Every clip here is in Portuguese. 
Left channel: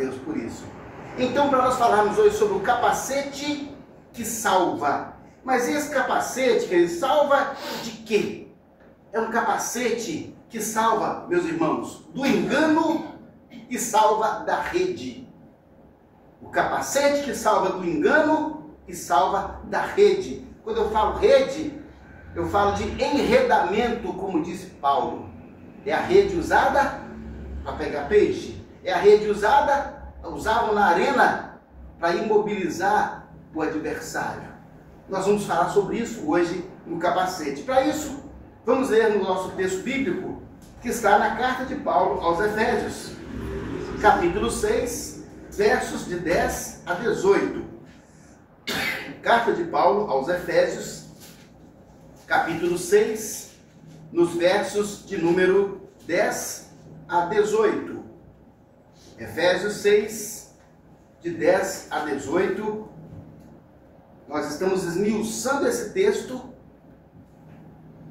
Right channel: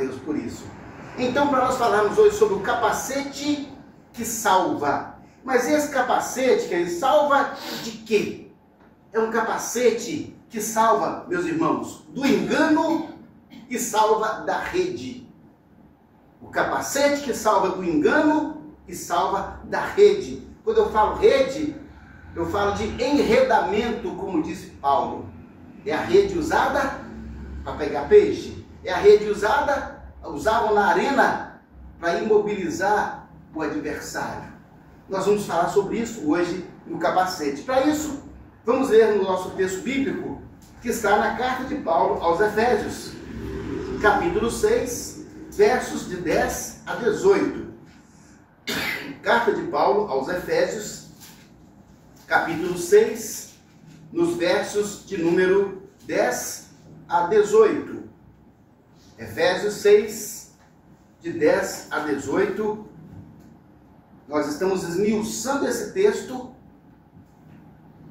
Deus por isso. Então, para nós falarmos hoje sobre o capacete que salva. Mas esse capacete, que ele salva de quê? É um capacete que salva, meus irmãos, do engano e salva da rede. O capacete que salva do engano e salva da rede. Quando eu falo rede, eu falo de enredamento, como disse Paulo. É a rede usada para pegar peixe. É a rede usavam na arena para imobilizar o adversário. Nós vamos falar sobre isso hoje no capacete. Para isso, vamos ler no nosso texto bíblico, que está na carta de Paulo aos Efésios, capítulo 6, versos de 10 a 18. Carta de Paulo aos Efésios, capítulo 6, nos versos de número 10 a 18. Efésios 6, de 10 a 18. Nós estamos esmiuçando esse texto.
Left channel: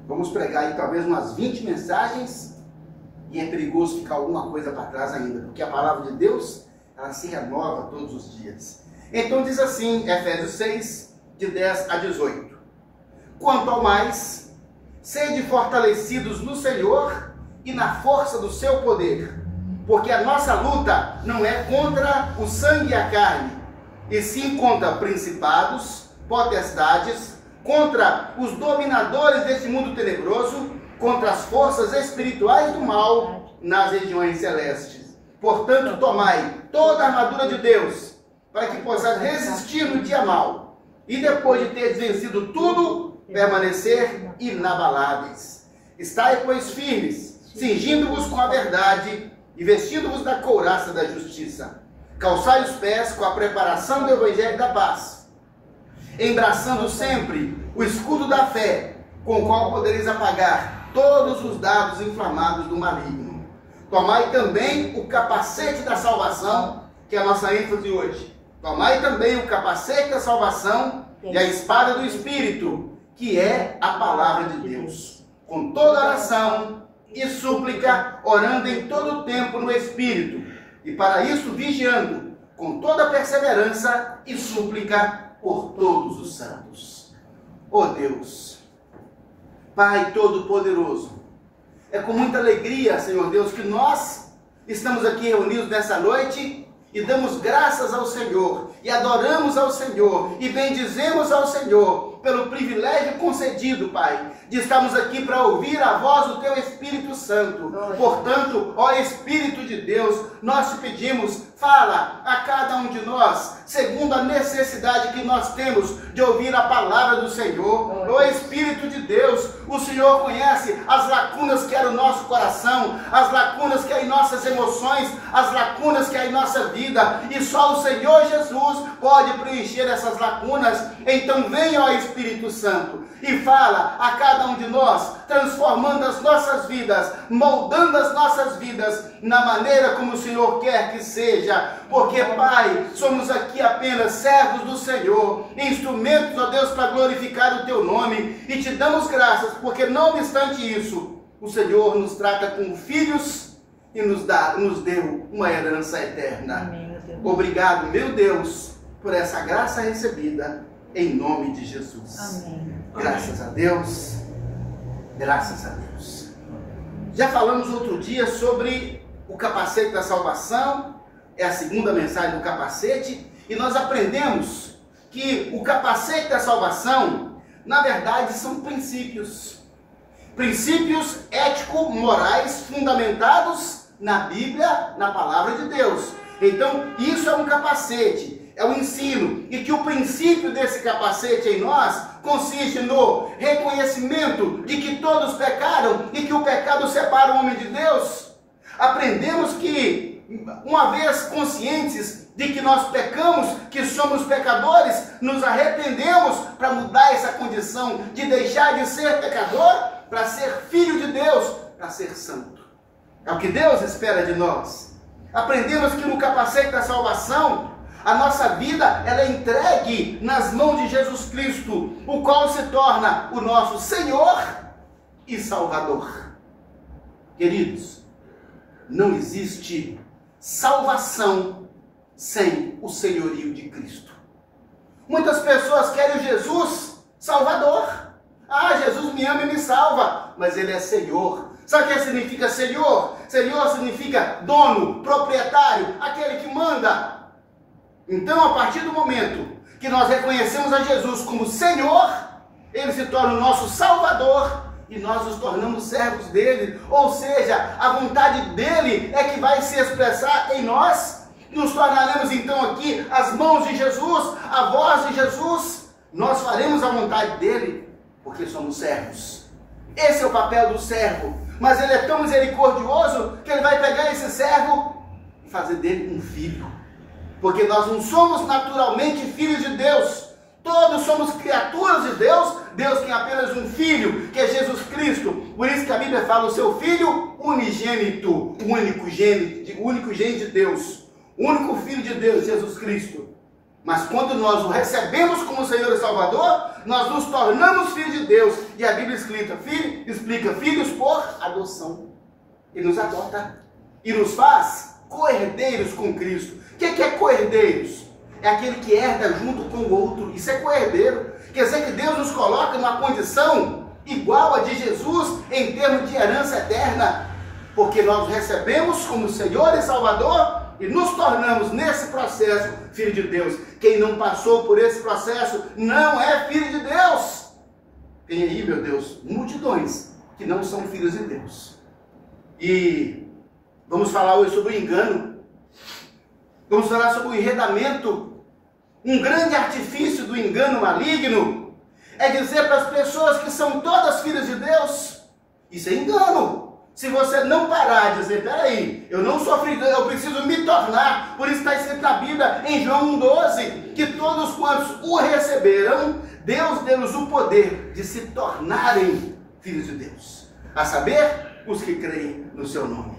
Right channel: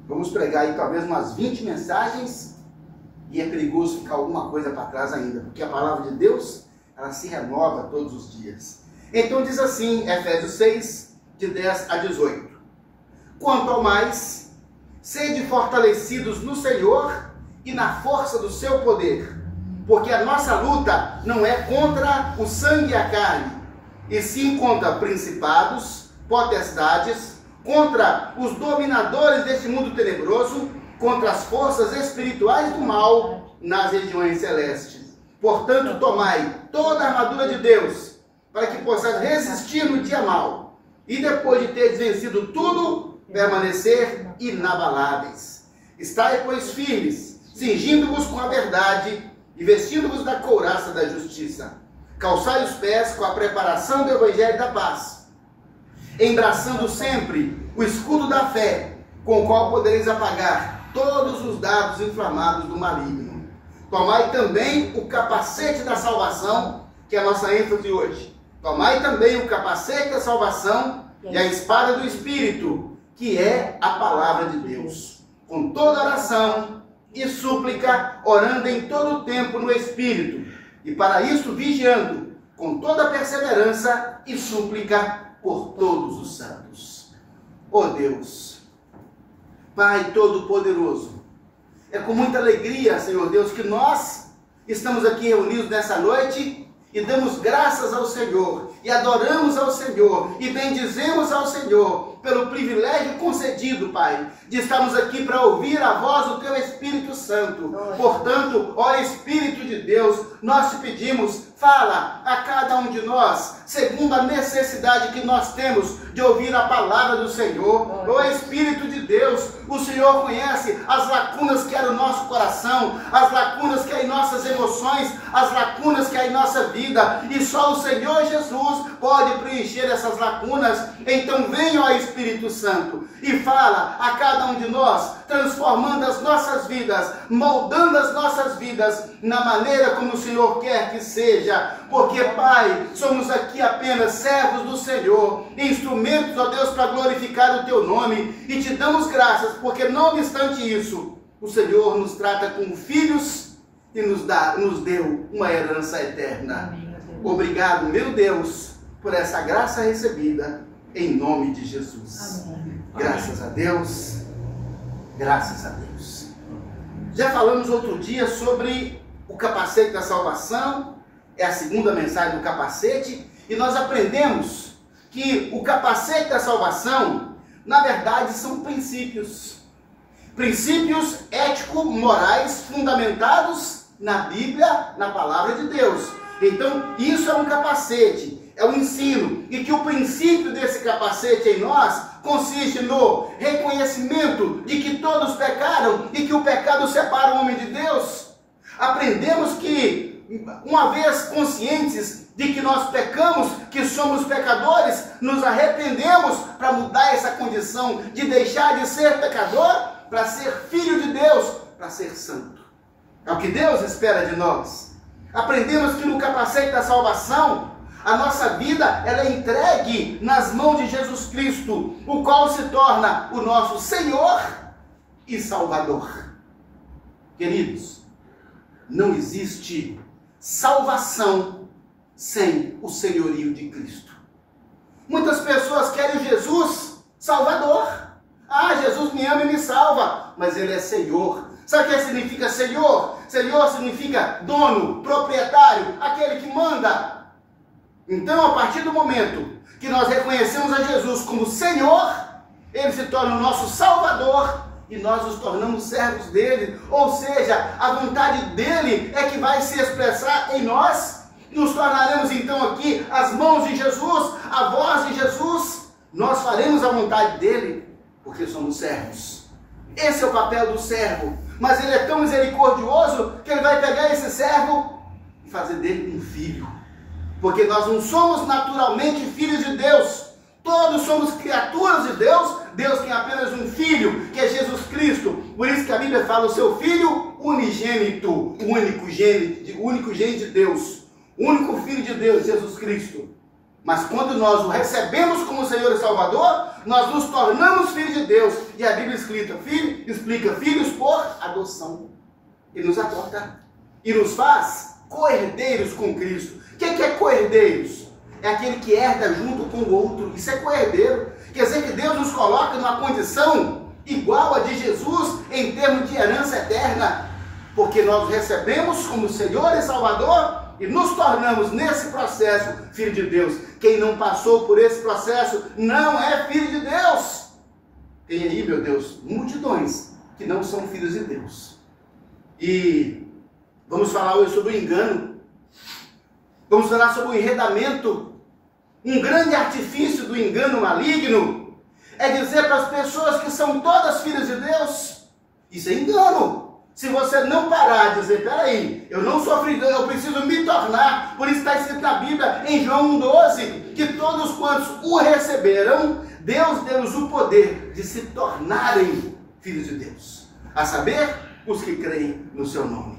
Vamos pregar aí talvez umas 20 mensagens. E é perigoso ficar alguma coisa para trás ainda, porque a palavra de Deus, ela se renova todos os dias. Então diz assim, Efésios 6, de 10 a 18. Quanto ao mais, sede fortalecidos no Senhor e na força do seu poder, porque a nossa luta não é contra o sangue e a carne, e sim contra principados, potestades, contra os dominadores deste mundo tenebroso, contra as forças espirituais do mal nas regiões celestes. Portanto, tomai toda a armadura de Deus, para que possais resistir no dia mau, e depois de teres vencido tudo, permanecer inabaláveis. Estai, pois, firmes, cingindo-vos com a verdade, e vestindo-vos da couraça da justiça. Calçai os pés com a preparação do evangelho da paz, embraçando sempre o escudo da fé, com o qual podereis apagar todos os dardos inflamados do maligno. Tomai também o capacete da salvação, que é a nossa ênfase hoje. Tomai também o capacete da salvação e a espada do Espírito, que é a palavra de Deus, com toda oração e súplica, orando em todo o tempo no Espírito, e para isso vigiando, com toda perseverança e súplica por todos os santos. Ó Deus, Pai Todo-Poderoso, é com muita alegria, Senhor Deus, que nós estamos aqui reunidos nessa noite e damos graças ao Senhor, e adoramos ao Senhor, e bendizemos ao Senhor, pelo privilégio concedido, Pai, de estarmos aqui para ouvir a voz do Teu Espírito Santo. Portanto, ó Espírito de Deus, nós te pedimos, fala a cada um de nós, segundo a necessidade que nós temos de ouvir a palavra do Senhor. Ó Espírito de Deus, o Senhor conhece as lacunas que há no nosso coração, as lacunas que há em nossas emoções, as lacunas que há em nossa vida, e só o Senhor Jesus pode preencher essas lacunas. Então venha, ó Espírito Santo, e fala a cada um de nós, transformando as nossas vidas, moldando as nossas vidas na maneira como o Senhor quer que seja, porque, Pai, somos aqui apenas servos do Senhor, instrumentos, ó Deus, para glorificar o Teu nome, e te damos graças, porque não obstante isso, o Senhor nos trata como filhos e nos deu uma herança eterna. Amém. Obrigado, meu Deus, por essa graça recebida, em nome de Jesus. Amém. Graças a Deus, graças a Deus. Já falamos outro dia sobre o capacete da salvação, é a segunda mensagem do capacete, e nós aprendemos que o capacete da salvação, na verdade, são princípios. Princípios ético-morais fundamentados na Bíblia, na palavra de Deus. Então, isso é um capacete, é um ensino, e que o princípio desse capacete em nós consiste no reconhecimento de que todos pecaram e que o pecado separa o homem de Deus. Aprendemos que, uma vez conscientes de que nós pecamos, que somos pecadores, nos arrependemos para mudar essa condição de deixar de ser pecador para ser filho de Deus, para ser santo. É o que Deus espera de nós. Aprendemos que no capacete da salvação, a nossa vida ela é entregue nas mãos de Jesus Cristo, o qual se torna o nosso Senhor e Salvador. Queridos, não existe salvação sem o senhorio de Cristo. Muitas pessoas querem Jesus Salvador. Ah, Jesus me ama e me salva, mas Ele é Senhor. Sabe o que significa Senhor? Senhor significa dono, proprietário, aquele que manda. Então, a partir do momento que nós reconhecemos a Jesus como Senhor, Ele se torna o nosso Salvador e nós nos tornamos servos dele. Ou seja, a vontade dele é que vai se expressar em nós. Nos tornaremos então aqui as mãos de Jesus, a voz de Jesus. Nós faremos a vontade dele porque somos servos. Esse é o papel do servo. Mas ele é tão misericordioso que ele vai pegar esse servo e fazer dele um filho. Porque nós não somos naturalmente filhos de Deus. Todos somos criaturas de Deus. Deus tem apenas um filho, que é Jesus Cristo. Por isso que a Bíblia fala o seu filho unigênito, o único gene de Deus. O único filho de Deus, Jesus Cristo. Mas quando nós o recebemos como Senhor e Salvador, nós nos tornamos filhos de Deus. E a Bíblia explica filhos por adoção. Ele nos adota e nos faz co-herdeiros com Cristo. O que é co-herdeiros? É aquele que herda junto com o outro. Isso é co-herdeiro. Quer dizer que Deus nos coloca numa condição igual a de Jesus em termos de herança eterna. Porque nós recebemos como Senhor e Salvador e nos tornamos nesse processo filho de Deus. Quem não passou por esse processo não é filho de Deus. Tem aí, meu Deus, multidões que não são filhos de Deus. E vamos falar hoje sobre o engano. Vamos falar sobre o enredamento. Um grande artifício do engano maligno é dizer para as pessoas que são todas filhas de Deus. Isso é engano. Se você não parar de dizer, peraí, eu não sou filho de Deus, eu preciso me tornar. Por isso está escrito na Bíblia, em João 1,12, que todos quantos o receberam, Deus deu-lhes o poder de se tornarem filhos de Deus. A saber, os que creem no seu nome.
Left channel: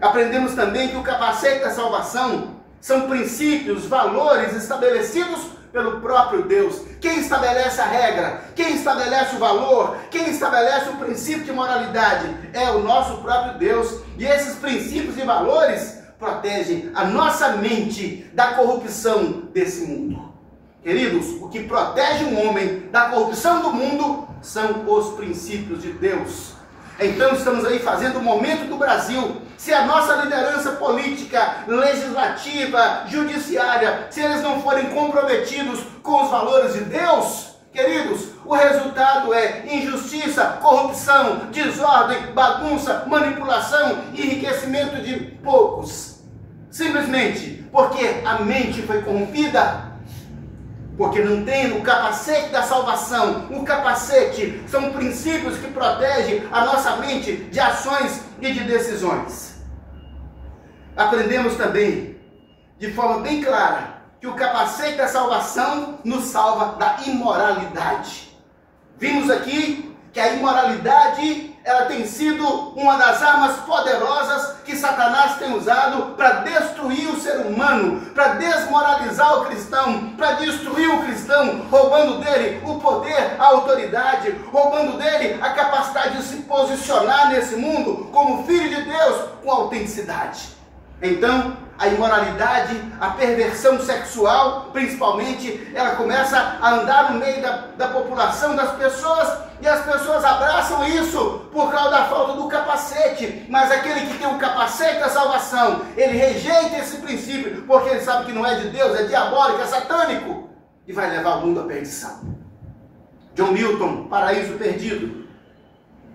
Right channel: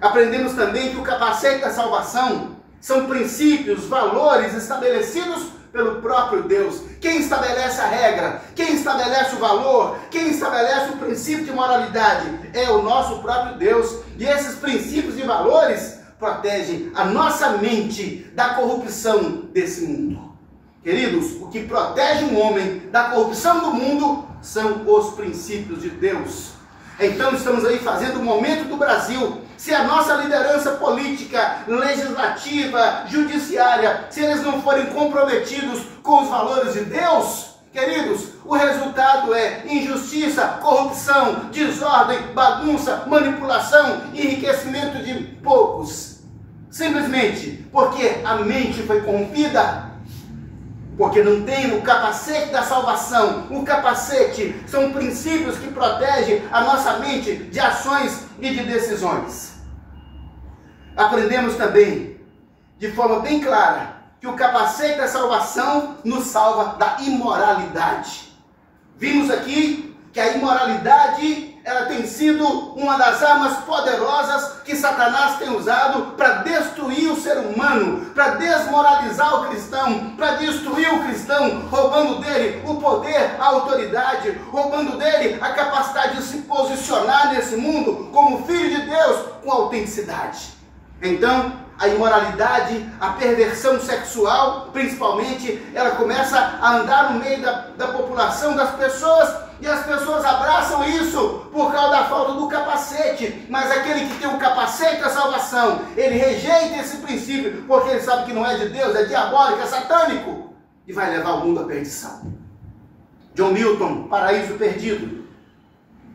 Aprendemos também que o capacete da salvação são princípios, valores estabelecidos pelo próprio Deus. Quem estabelece a regra, quem estabelece o valor, quem estabelece o princípio de moralidade é o nosso próprio Deus. E esses princípios e valores protegem a nossa mente da corrupção desse mundo. Queridos, o que protege um homem da corrupção do mundo são os princípios de Deus. Então estamos aí fazendo o momento do Brasil. Se a nossa liderança política, legislativa, judiciária, se eles não forem comprometidos com os valores de Deus, queridos, o resultado é injustiça, corrupção, desordem, bagunça, manipulação, enriquecimento de poucos. Simplesmente porque a mente foi corrompida. Porque não tem o capacete da salvação. O capacete são princípios que protegem a nossa mente de ações e de decisões. Aprendemos também, de forma bem clara, que o capacete da salvação nos salva da imoralidade. Vimos aqui que a imoralidade ela tem sido uma das armas poderosas que Satanás tem usado para destruir o ser humano, para desmoralizar o cristão, para destruir o cristão, roubando dele o poder, a autoridade, roubando dele a capacidade de se posicionar nesse mundo como filho de Deus com autenticidade. Então, a imoralidade, a perversão sexual, principalmente, ela começa a andar no meio da população, das pessoas, e as pessoas abraçam isso por causa da falta do capacete. Mas aquele que tem o capacete da salvação, ele rejeita esse princípio, porque ele sabe que não é de Deus, é diabólico, é satânico, e vai levar o mundo à perdição. John Milton, Paraíso Perdido,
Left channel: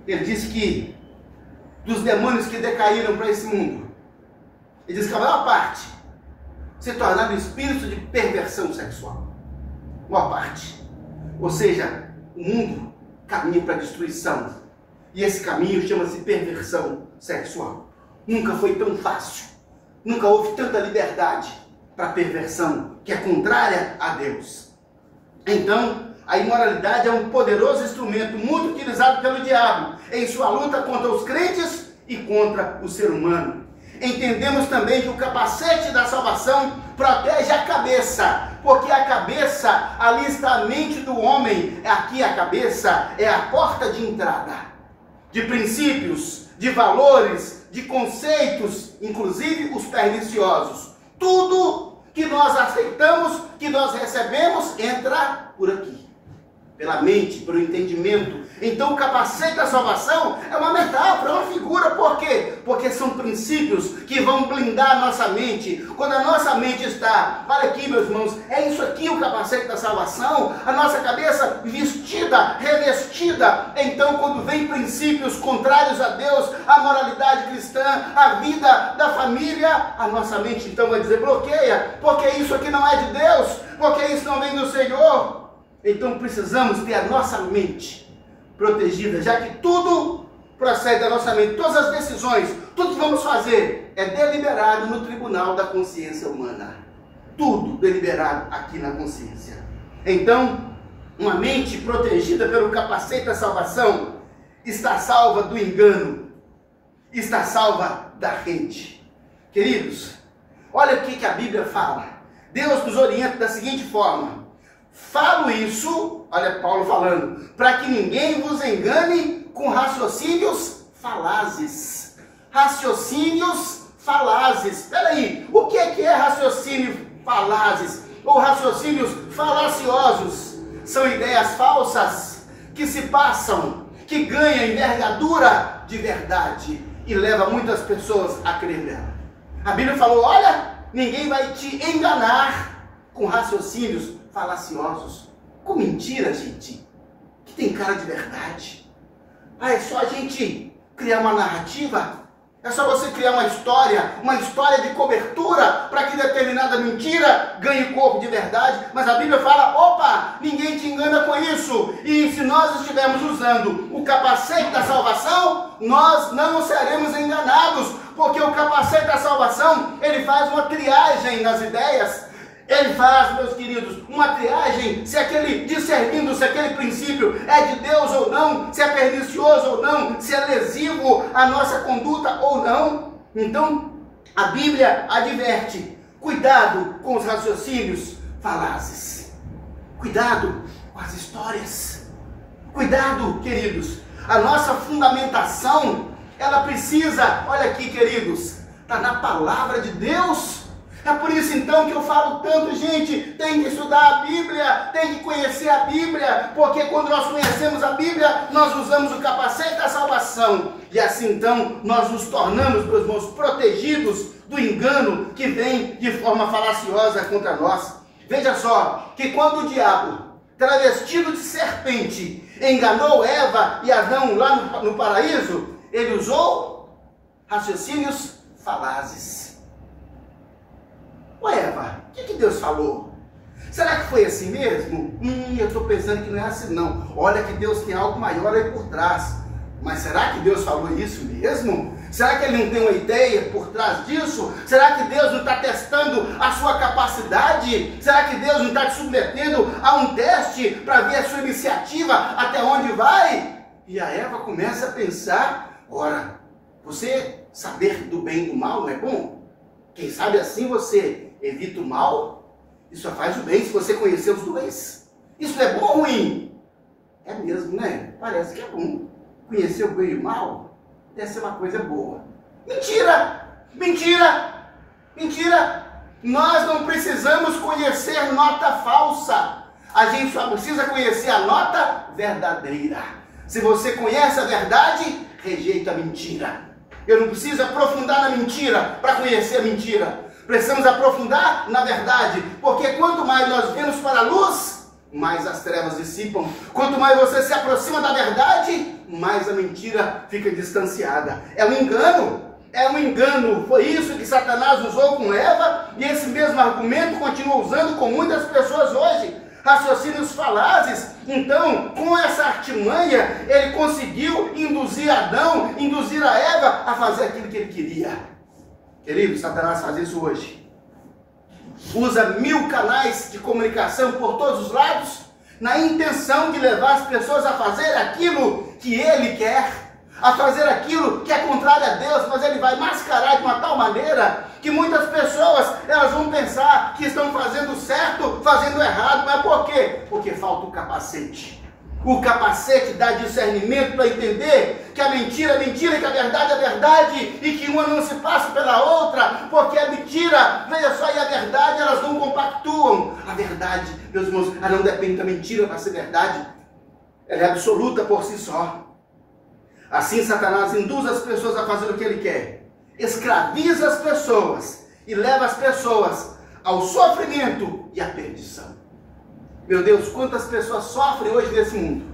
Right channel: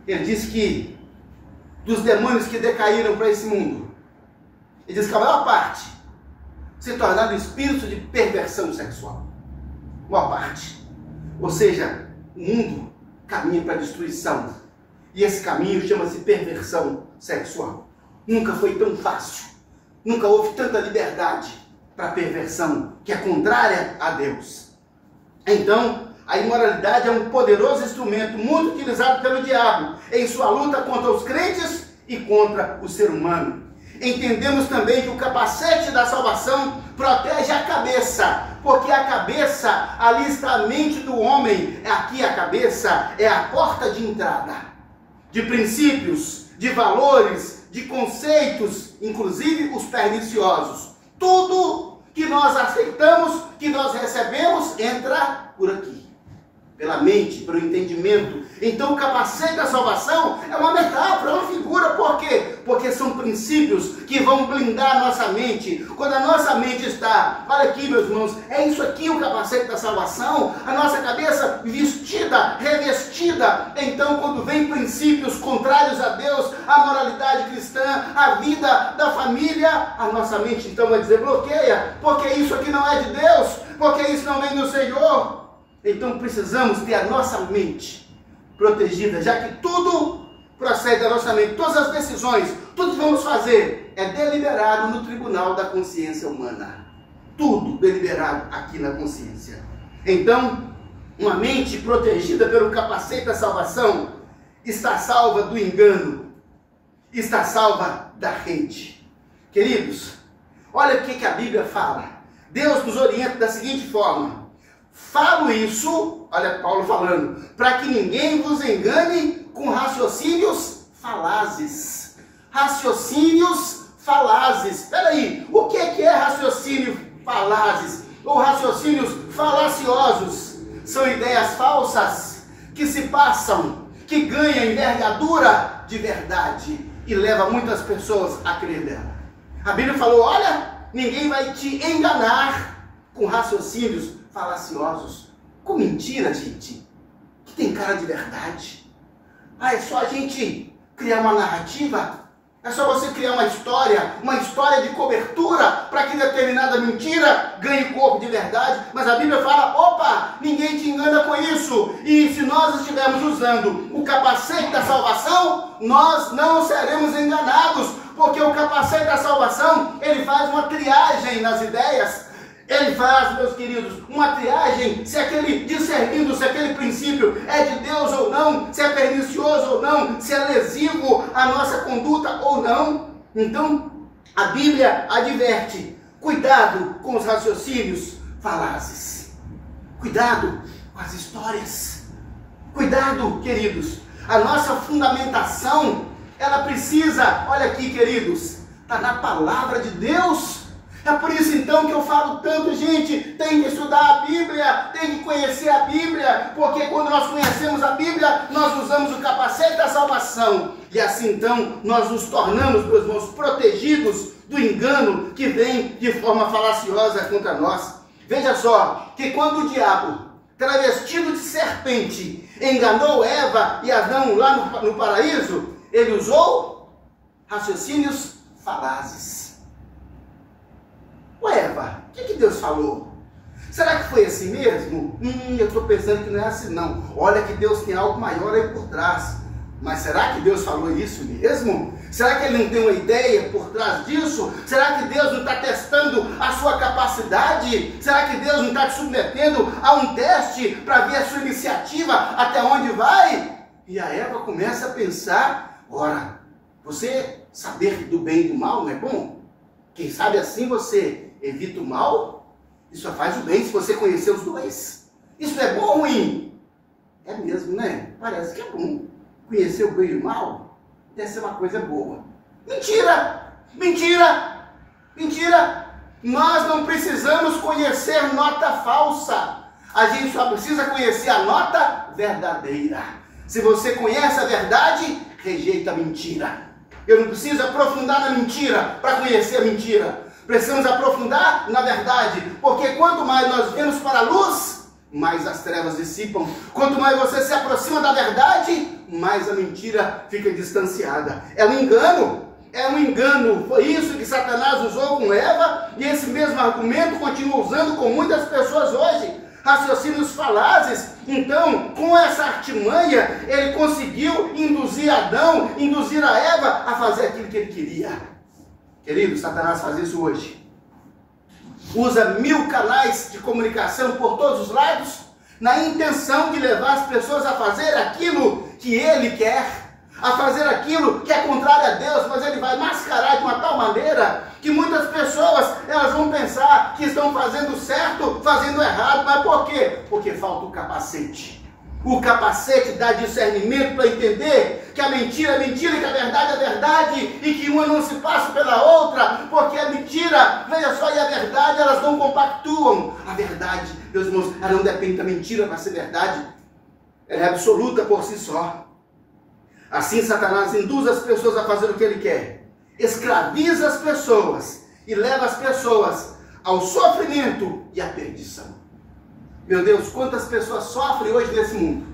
ele disse que dos demônios que decaíram para esse mundo, ele diz que a maior parte se tornaram espíritos de perversão sexual. A maior parte. Ou seja, o mundo caminha para a destruição. E esse caminho chama-se perversão sexual. Nunca foi tão fácil. Nunca houve tanta liberdade para a perversão, que é contrária a Deus. Então, a imoralidade é um poderoso instrumento muito utilizado pelo diabo em sua luta contra os crentes e contra o ser humano. Entendemos também que o capacete da salvação protege a cabeça, porque a cabeça, ali está a mente do homem, aqui a cabeça é a porta de entrada, de princípios, de valores, de conceitos, inclusive os perniciosos. Tudo que nós aceitamos, que nós recebemos, entra por aqui. Pela mente, pelo entendimento. Então o capacete da salvação é uma metáfora, é uma figura. Por quê? Porque são princípios que vão blindar a nossa mente. Quando a nossa mente está, olha aqui meus irmãos, é isso aqui o capacete da salvação, a nossa cabeça vestida, revestida. Então quando vem princípios contrários a Deus, a moralidade cristã, a vida da família, a nossa mente então vai dizer, bloqueia, porque isso aqui não é de Deus, porque isso não vem do Senhor. Então precisamos ter a nossa mente protegida, já que tudo procede da nossa mente, todas as decisões, tudo que vamos fazer é deliberado no tribunal da consciência humana. Tudo deliberado aqui na consciência. Então, uma mente protegida pelo capacete da salvação está salva do engano, está salva da rede. Queridos, olha o que a Bíblia fala. Deus nos orienta da seguinte forma: falo isso, olha Paulo falando, para que ninguém vos engane com raciocínios falazes. Raciocínios falazes. Espera aí, o que é raciocínio falazes? Ou raciocínios falaciosos? São ideias falsas que se passam, que ganham envergadura de verdade e leva muitas pessoas a crer nela. A Bíblia falou, olha, ninguém vai te enganar com raciocínios falaciosos, com mentira, gente, que tem cara de verdade. Ah, é só a gente criar uma narrativa, é só você criar uma história de cobertura para que determinada mentira ganhe corpo de verdade. Mas a Bíblia fala, opa, ninguém te engana com isso. E se nós estivermos usando o capacete da salvação, nós não seremos enganados, porque o capacete da salvação, ele faz uma triagem nas ideias. Ele faz, meus queridos, uma triagem, se aquele, discernindo se aquele princípio é de Deus ou não, se é pernicioso ou não, se é lesivo à nossa conduta ou não. Então, a Bíblia adverte, cuidado com os raciocínios falazes, cuidado com as histórias, cuidado, queridos, a nossa fundamentação, ela precisa, olha aqui, queridos, está na palavra de Deus. É por isso então que eu falo tanto, gente, tem que estudar a Bíblia, tem que conhecer a Bíblia, porque quando nós conhecemos a Bíblia, nós usamos o capacete da salvação, e assim então nós nos tornamos, meus irmãos, protegidos do engano que vem de forma falaciosa contra nós. Veja só, que quando o diabo, travestido de serpente, enganou Eva e Adão lá no paraíso, ele usou raciocínios falazes. Ô Eva, o que Deus falou? Será que foi assim mesmo? Eu estou pensando que não é assim não. Olha que Deus tem algo maior aí por trás. Mas será que Deus falou isso mesmo? Será que Ele não tem uma ideia por trás disso? Será que Deus não está testando a sua capacidade? Será que Deus não está te submetendo a um teste para ver a sua iniciativa até onde vai? E a Eva começa a pensar, ora, você saber do bem e do mal não é bom? Quem sabe assim você evita o mal, e só faz o bem se você conhecer os dois. Isso é bom ou ruim? É mesmo, né? Parece que é bom. Conhecer o bem e o mal deve ser uma coisa boa. Mentira! Mentira! Mentira! Nós não precisamos conhecer nota falsa. A gente só precisa conhecer a nota verdadeira. Se você conhece a verdade, rejeita a mentira. Eu não preciso aprofundar na mentira para conhecer a mentira. Precisamos aprofundar na verdade, porque quanto mais nós vemos para a luz, mais as trevas dissipam. Quanto mais você se aproxima da verdade, mais a mentira fica distanciada. É um engano. Foi isso que Satanás usou com Eva, e esse mesmo argumento continua usando com muitas pessoas hoje. Raciocínios falazes. Então, com essa artimanha, ele conseguiu induzir Adão, induzir a Eva a fazer aquilo que ele queria. Querido, Satanás faz isso hoje. Usa 1000 canais de comunicação por todos os lados, na intenção de levar as pessoas a fazer aquilo que ele quer, a fazer aquilo que é contrário a Deus, mas ele vai mascarar de uma tal maneira que muitas pessoas, elas vão pensar que estão fazendo certo, fazendo errado. Mas por quê? Porque falta o capacete. O capacete dá discernimento para entender que a mentira é mentira, que a verdade é verdade e que uma não se passa pela outra, porque a mentira, veja só, e a verdade, elas não compactuam. A verdade, meus irmãos, ela não depende da mentira para ser verdade. Ela é absoluta por si só. Assim, Satanás induz as pessoas a fazer o que ele quer. Escraviza as pessoas e leva as pessoas ao sofrimento e à perdição. Meu Deus, quantas pessoas sofrem hoje nesse mundo?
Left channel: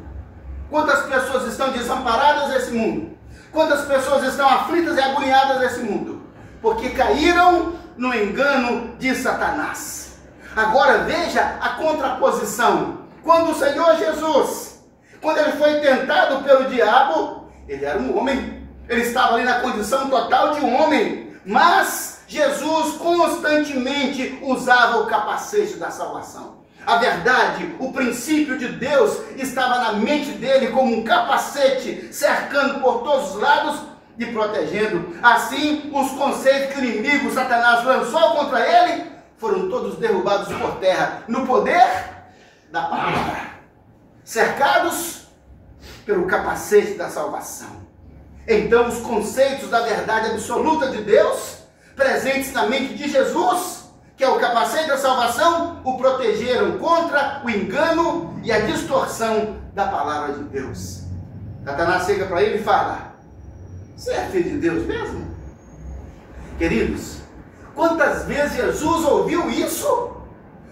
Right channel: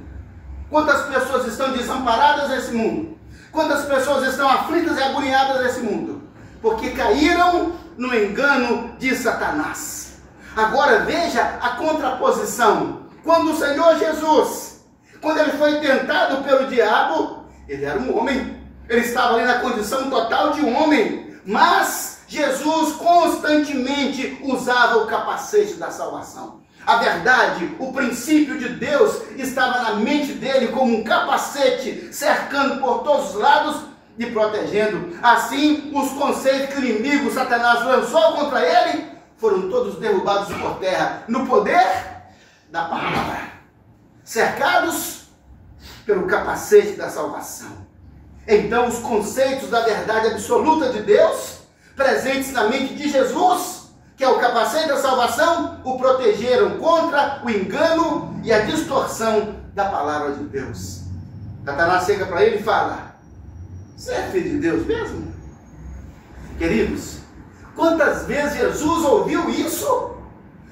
Quantas pessoas estão desamparadas nesse mundo? Quantas pessoas estão aflitas e agoniadas nesse mundo? Porque caíram no engano de Satanás. Agora veja a contraposição. Quando o Senhor Jesus, quando ele foi tentado pelo diabo, ele era um homem. Ele estava ali na condição total de um homem. Mas Jesus constantemente usava o capacete da salvação. A verdade, o princípio de Deus estava na mente dele como um capacete, cercando por todos os lados e protegendo. Assim, os conceitos que o inimigo Satanás lançou contra ele foram todos derrubados por terra, no poder da palavra, cercados pelo capacete da salvação. Então, os conceitos da verdade absoluta de Deus, presentes na mente de Jesus, que é o capacete da salvação, o protegeram contra o engano e a distorção da palavra de Deus. Satanás chega para ele e fala: você é filho de Deus mesmo? Queridos, quantas vezes Jesus ouviu isso?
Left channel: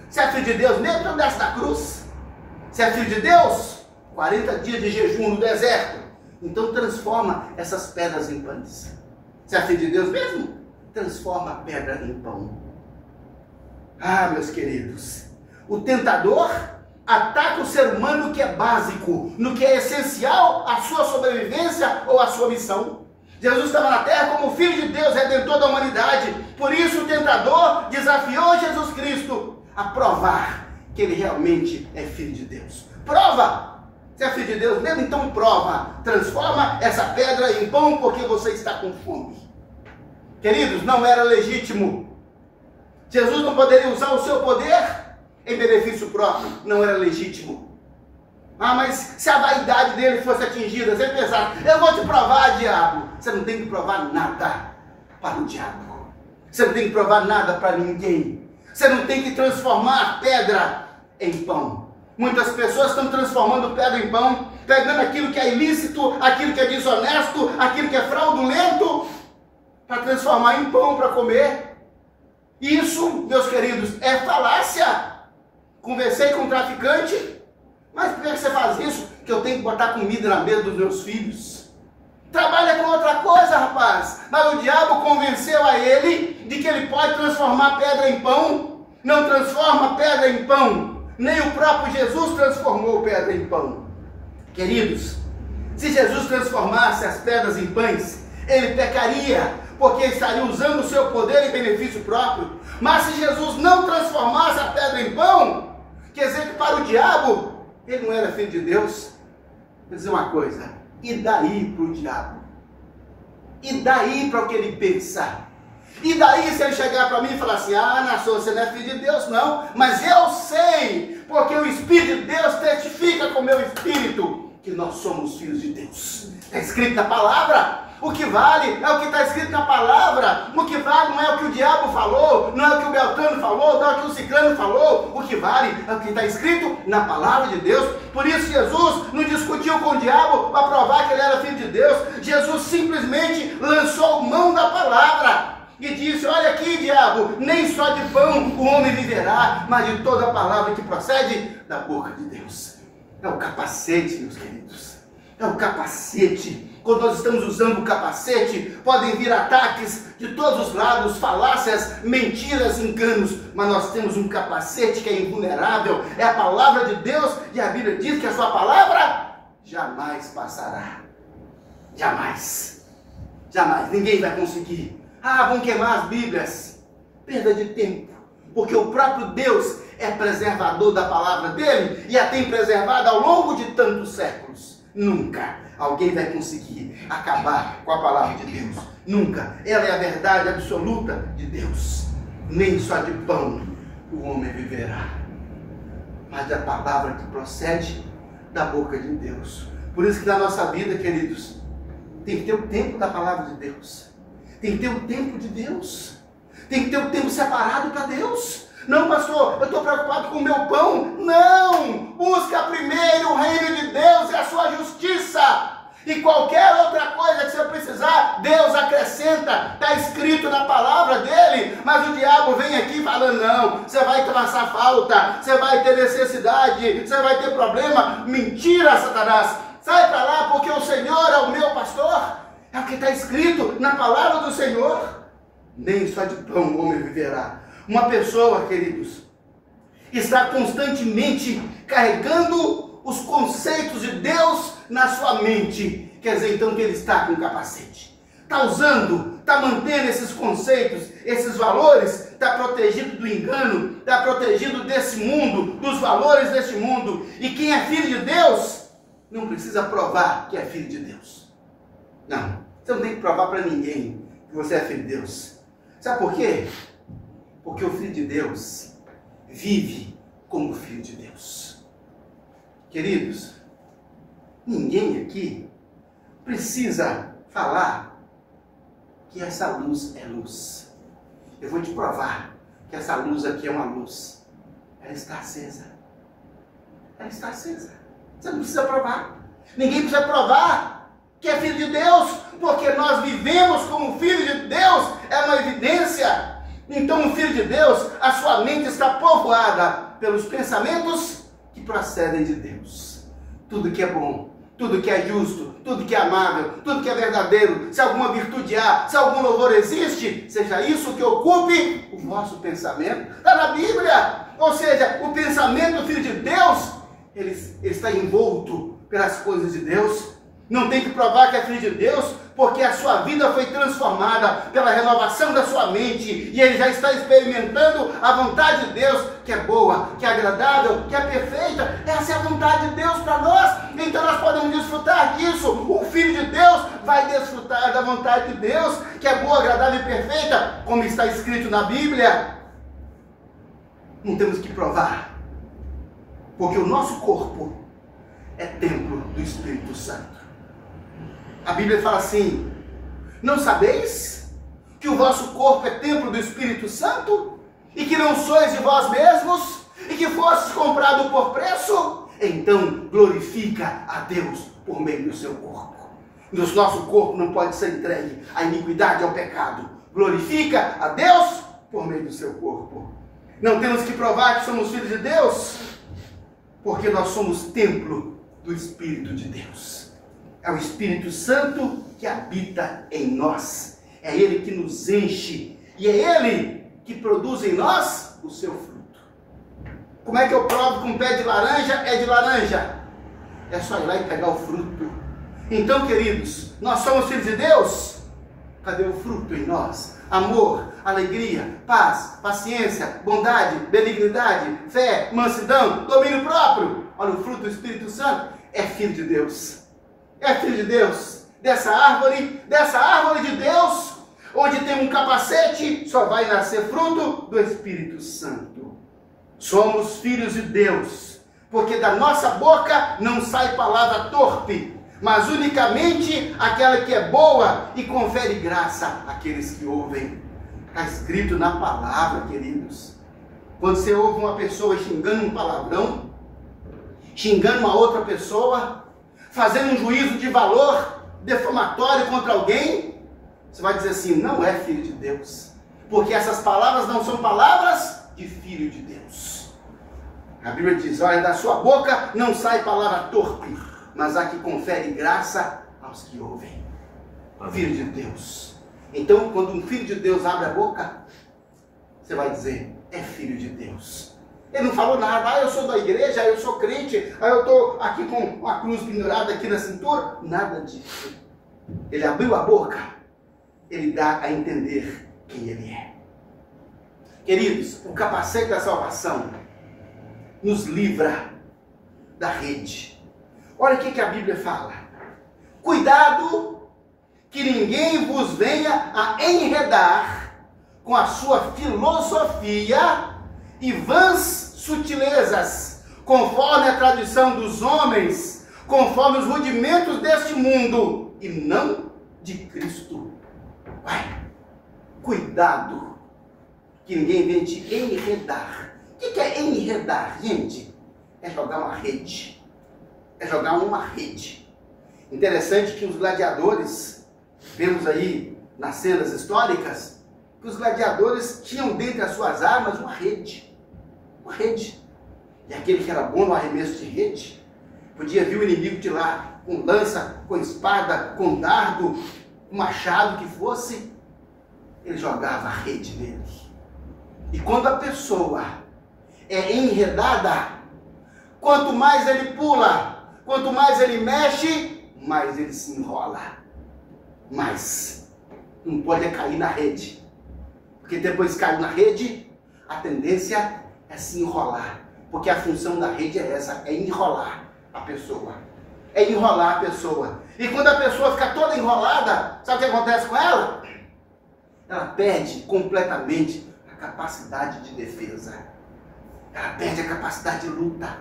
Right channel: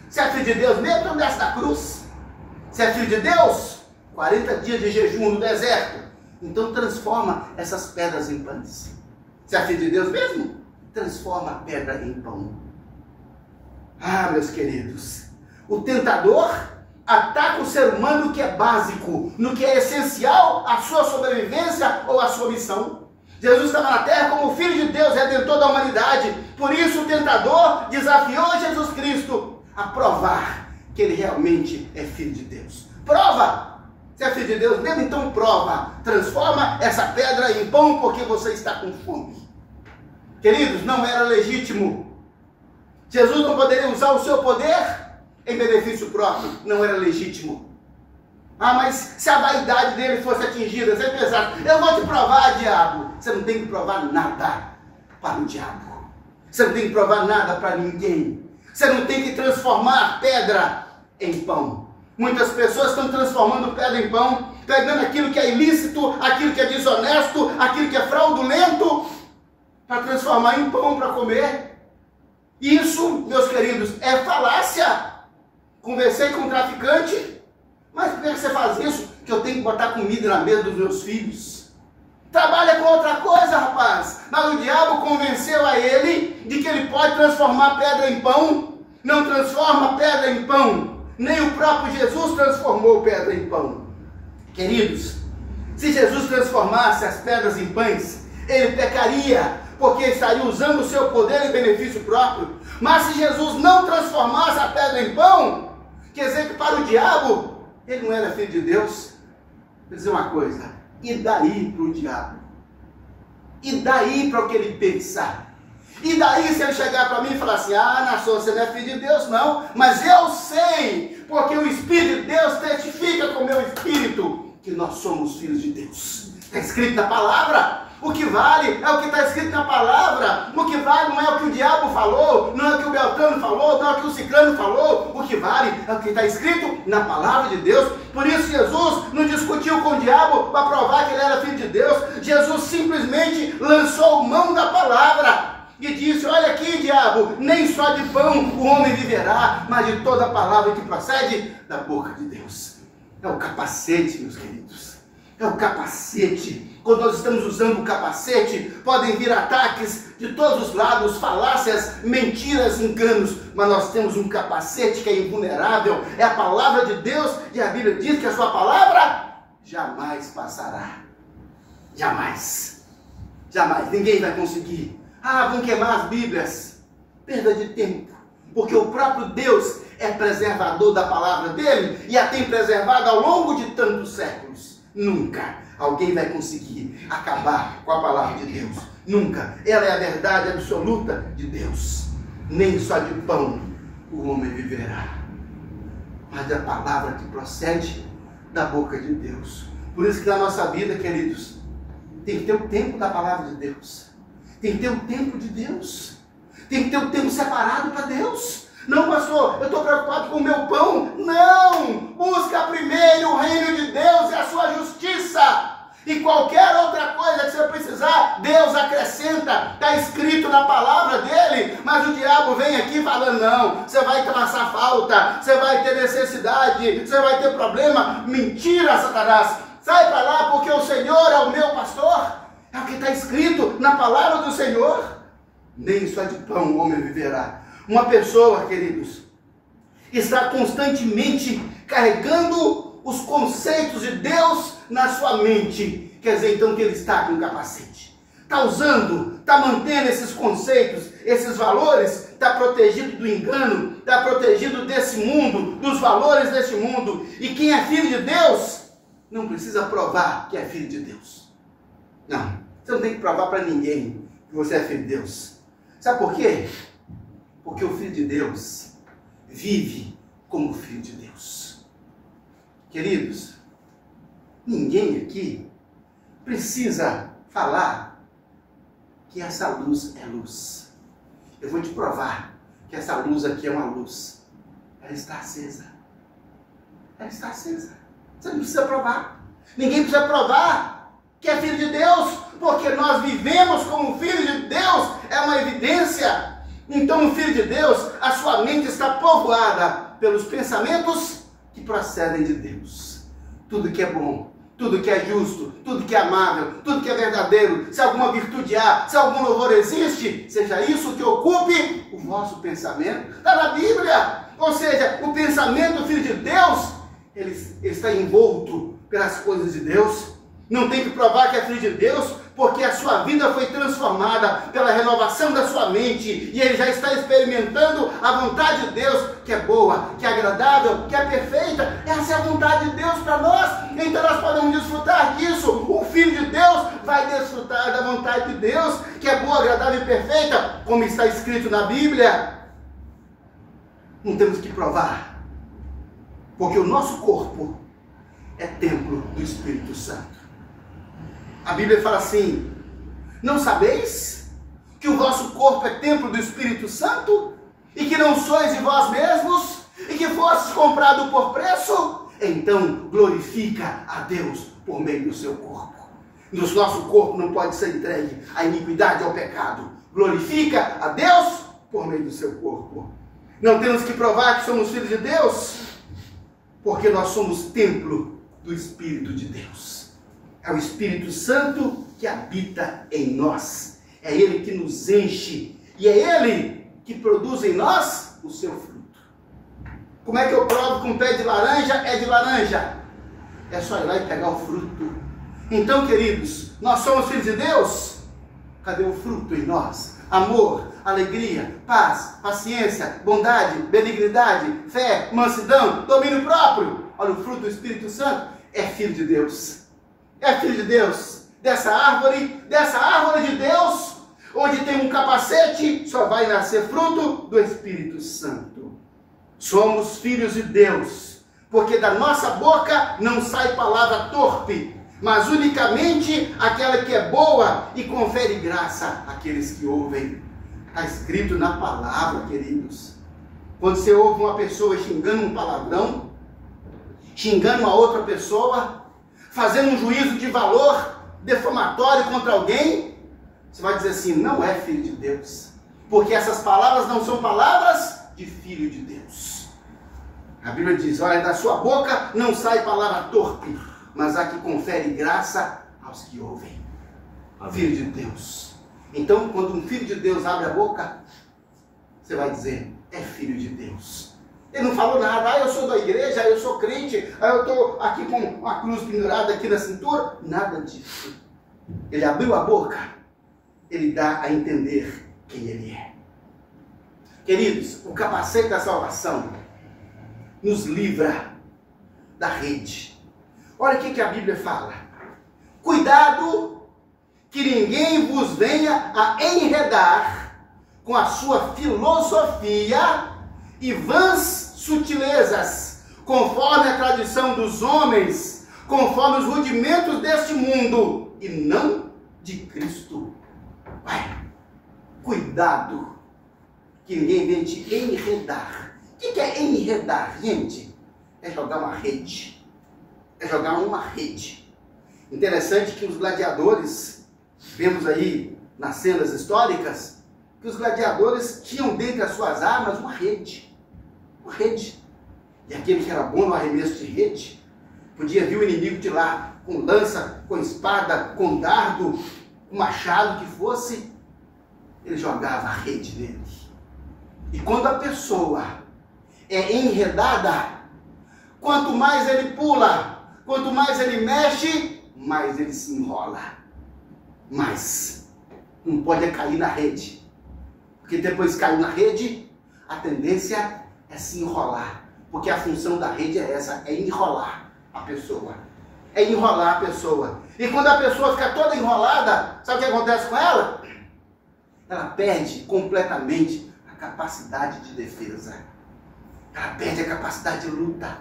Você é filho de Deus mesmo? Então desce da cruz. Você é filho de Deus? 40 dias de jejum no deserto. Então transforma essas pedras em pães. Você é filho de Deus mesmo? Transforma a pedra em pão. Ah, meus queridos, o tentador ataca o ser humano no que é básico, no que é essencial à sua sobrevivência ou à sua missão. Jesus estava na terra como Filho de Deus, Redentor da humanidade. Por isso o tentador desafiou Jesus Cristo a provar que ele realmente é Filho de Deus. Prova! Você é Filho de Deus mesmo? Então prova. Transforma essa pedra em pão porque você está com fome. Queridos, não era legítimo. Jesus não poderia usar o seu poder em benefício próprio. Não era legítimo. Ah, mas se a vaidade dele fosse atingida, você pensar: eu vou te provar, diabo. Você não tem que provar nada para o diabo. Você não tem que provar nada para ninguém. Você não tem que transformar pedra em pão. Muitas pessoas estão transformando pedra em pão, pegando aquilo que é ilícito, aquilo que é desonesto, aquilo que é fraudulento, para transformar em pão para comer. Isso, meus queridos, é falácia. Conversei com um traficante: mas por que você faz isso? Que eu tenho que botar comida na mesa dos meus filhos. Trabalha com outra coisa, rapaz. Mas o diabo convenceu a ele de que ele pode transformar pedra em pão. Não transforma pedra em pão. Nem o próprio Jesus transformou pedra em pão. Queridos, se Jesus transformasse as pedras em pães, ele pecaria, porque estaria usando o seu poder em benefício próprio. Mas se Jesus não transformasse a pedra em pão, quer dizer que para o diabo, ele não era filho de Deus. Vou dizer uma coisa: e daí para o diabo? E daí para o que ele pensa? E daí se ele chegar para mim e falar assim: ah, nação, você não é filho de Deus não, mas eu sei, porque o Espírito de Deus testifica com o meu espírito que nós somos filhos de Deus. Está escrito na palavra. O que vale é o que está escrito na palavra. O que vale não é o que o diabo falou, não é o que o Beltrano falou, não é o que o Ciclano falou. O que vale é o que está escrito na palavra de Deus. Por isso Jesus não discutiu com o diabo para provar que ele era filho de Deus. Jesus simplesmente lançou mão da palavra e disse: olha aqui, diabo, nem só de pão o homem viverá, mas de toda a palavra que procede da boca de Deus. É o capacete, meus queridos. É o capacete. Quando nós estamos usando o capacete, podem vir ataques de todos os lados, falácias, mentiras, enganos, mas nós temos um capacete que é invulnerável, é a palavra de Deus, e a Bíblia diz que a sua palavra jamais passará. Jamais. Jamais. Ninguém vai conseguir. Ah, vão queimar as Bíblias. Perda de tempo. Porque o próprio Deus é preservador da palavra dele e a tem preservado ao longo de tantos séculos. Nunca alguém vai conseguir acabar com a palavra de Deus. Nunca. Ela é a verdade absoluta de Deus. Nem só de pão o homem viverá, mas da palavra que procede da boca de Deus. Por isso que na nossa vida, queridos, tem que ter o tempo da palavra de Deus. Tem que ter o tempo de Deus. Tem que ter o tempo separado para Deus. Não, pastor, eu estou preocupado com o meu pão. Não! Busca primeiro o reino de Deus e a sua justiça. E qualquer outra coisa que você precisar, Deus acrescenta. Está escrito na palavra dele. Mas o diabo vem aqui falando, não, você vai passar falta, você vai ter necessidade, você vai ter problema. Mentira, Satanás. Sai para lá, porque o Senhor é o meu pastor. É o que está escrito na palavra do Senhor. Nem só de pão o homem viverá. Uma pessoa, queridos, está constantemente carregando os conceitos de Deus na sua mente. Quer dizer, então, que ele está com capacete. Está usando, está mantendo esses conceitos, esses valores, está protegido do engano, está protegido desse mundo, dos valores deste mundo. E quem é filho de Deus, não precisa provar que é filho de Deus. Não, você não tem que provar para ninguém que você é filho de Deus. Sabe por quê? Porque o filho de Deus vive como filho de Deus. Queridos, ninguém aqui precisa falar que essa luz é luz. Eu vou te provar que essa luz aqui é uma luz. Ela está acesa. Ela está acesa. Você não precisa provar. Ninguém precisa provar que é filho de Deus, porque nós vivemos como filho de Deus. É uma evidência. Então, o filho de Deus, a sua mente está povoada pelos pensamentos que procedem de Deus. Tudo que é bom, tudo que é justo, tudo que é amável, tudo que é verdadeiro, se alguma virtude há, se algum louvor existe, seja isso que ocupe o vosso pensamento. Está na Bíblia. Ou seja, o pensamento do filho de Deus, ele está envolto pelas coisas de Deus. Não tem que provar que é filho de Deus, porque a sua vida foi transformada pela renovação da sua mente, e ele já está experimentando a vontade de Deus, que é boa, que é agradável, que é perfeita. Essa é a vontade de Deus para nós, então nós podemos desfrutar disso. O filho de Deus vai desfrutar da vontade de Deus, que é boa, agradável e perfeita, como está escrito na Bíblia. Não temos que provar, porque o nosso corpo é templo do Espírito Santo. A Bíblia fala assim: não sabeis que o vosso corpo é templo do Espírito Santo? E que não sois de vós mesmos? E que fostes comprado por preço? Então glorifica a Deus por meio do seu corpo. O nosso corpo não pode ser entregue à iniquidade, ao pecado. Glorifica a Deus por meio do seu corpo. Não temos que provar que somos filhos de Deus, porque nós somos templo do Espírito de Deus. É o Espírito Santo que habita em nós. É Ele que nos enche. E é Ele que produz em nós o seu fruto. Como é que eu provo que um pé de laranja é de laranja? É só ir lá e pegar o fruto. Então, queridos, nós somos filhos de Deus. Cadê o fruto em nós? Amor, alegria, paz, paciência, bondade, benignidade, fé, mansidão, domínio próprio. Olha, o fruto do Espírito Santo é filho de Deus. É filho de Deus. Dessa árvore de Deus, onde tem um capacete, só vai nascer fruto do Espírito Santo. Somos filhos de Deus, porque da nossa boca não sai palavra torpe, mas unicamente aquela que é boa e confere graça àqueles que ouvem. Está escrito na palavra, queridos. Quando você ouve uma pessoa xingando um palavrão, xingando uma outra pessoa, fazendo um juízo de valor defamatório contra alguém, você vai dizer assim: não é filho de Deus, porque essas palavras não são palavras de filho de Deus. A Bíblia diz: olha, da sua boca não sai palavra torpe, mas a que confere graça aos que ouvem. Filho de Deus. Então, quando um filho de Deus abre a boca, você vai dizer: é filho de Deus. Ele não falou nada: eu sou da igreja, eu sou crente, eu estou aqui com uma cruz pendurada aqui na cintura. Nada disso. Ele abriu a boca, ele dá a entender quem ele é. Queridos, o capacete da salvação nos livra da rede. Olha o que a Bíblia fala: cuidado que ninguém vos venha a enredar com a sua filosofia e vãs sutilezas, conforme a tradição dos homens, conforme os rudimentos deste mundo, e não de Cristo. Vai, cuidado, que ninguém vem te enredar. O que é enredar, gente? É jogar uma rede. É jogar uma rede. Interessante que os gladiadores, vemos aí nas cenas históricas, que os gladiadores tinham dentre as suas armas uma rede. Uma rede. E aquele que era bom no arremesso de rede, podia vir o inimigo de lá com lança, com espada, com dardo, com machado que fosse, ele jogava a rede dele. E quando a pessoa é enredada, quanto mais ele pula, quanto mais ele mexe, mais ele se enrola. Mas não pode cair na rede. Porque depois que caiu na rede, a tendência é se enrolar. Porque a função da rede é essa, é enrolar a pessoa. É enrolar a pessoa. E quando a pessoa fica toda enrolada, sabe o que acontece com ela? Ela perde completamente a capacidade de defesa. Ela perde a capacidade de luta.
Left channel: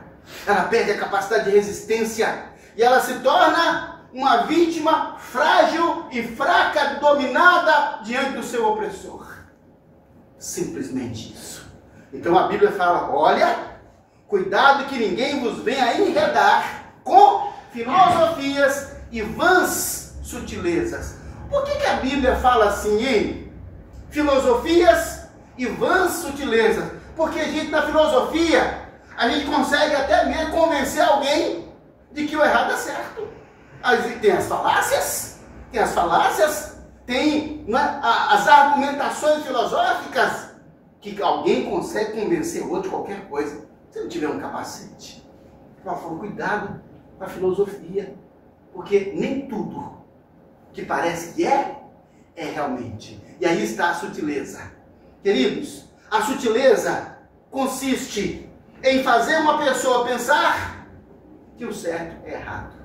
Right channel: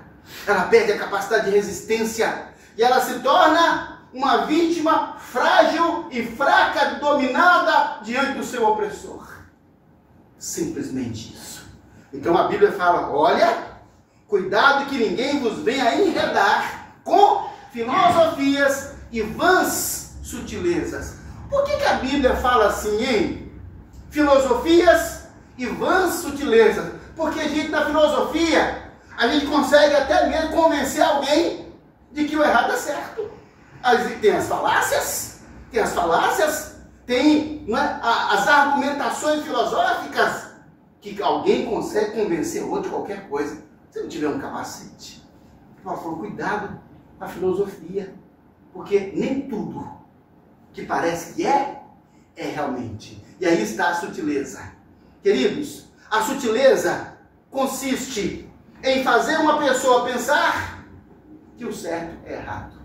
Ela perde a capacidade de resistência. E ela se torna uma vítima frágil e fraca, dominada diante do seu opressor. Simplesmente isso. Então a Bíblia fala, olha, cuidado que ninguém vos venha enredar com filosofias e vãs sutilezas. Por que a Bíblia fala assim, hein? Filosofias e vãs sutilezas. Porque, gente, na filosofia, a gente consegue até mesmo convencer alguém de que o errado é certo. Tem as falácias, tem as argumentações filosóficas, que alguém consegue convencer o outro de qualquer coisa. Se não tiver um capacete. Por favor, cuidado com a filosofia. Porque nem tudo que parece que é realmente. E aí está a sutileza. Queridos, a sutileza consiste em fazer uma pessoa pensar que o certo é errado.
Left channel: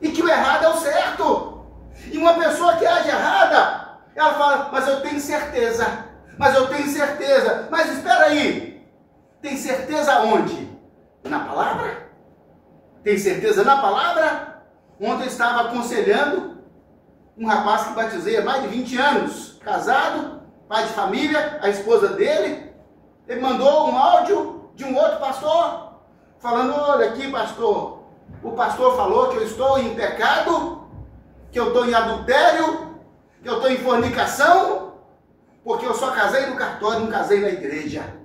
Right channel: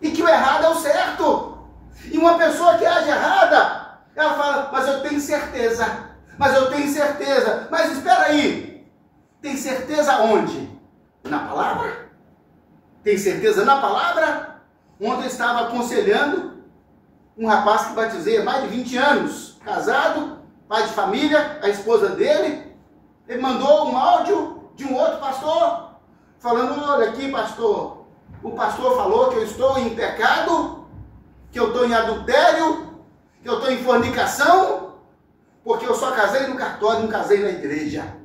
E que o errado é o certo. E uma pessoa que age errada, ela fala, mas eu tenho certeza. Mas eu tenho certeza. Mas espera aí. Tem certeza onde? Na palavra? Tem certeza na palavra? Ontem eu estava aconselhando um rapaz que batizei há mais de 20 anos, casado, pai de família, a esposa dele. Ele mandou um áudio de um outro pastor, falando, olha aqui, pastor, o pastor falou que eu estou em pecado, que eu estou em adultério, que eu estou em fornicação, porque eu só casei no cartório, não casei na igreja.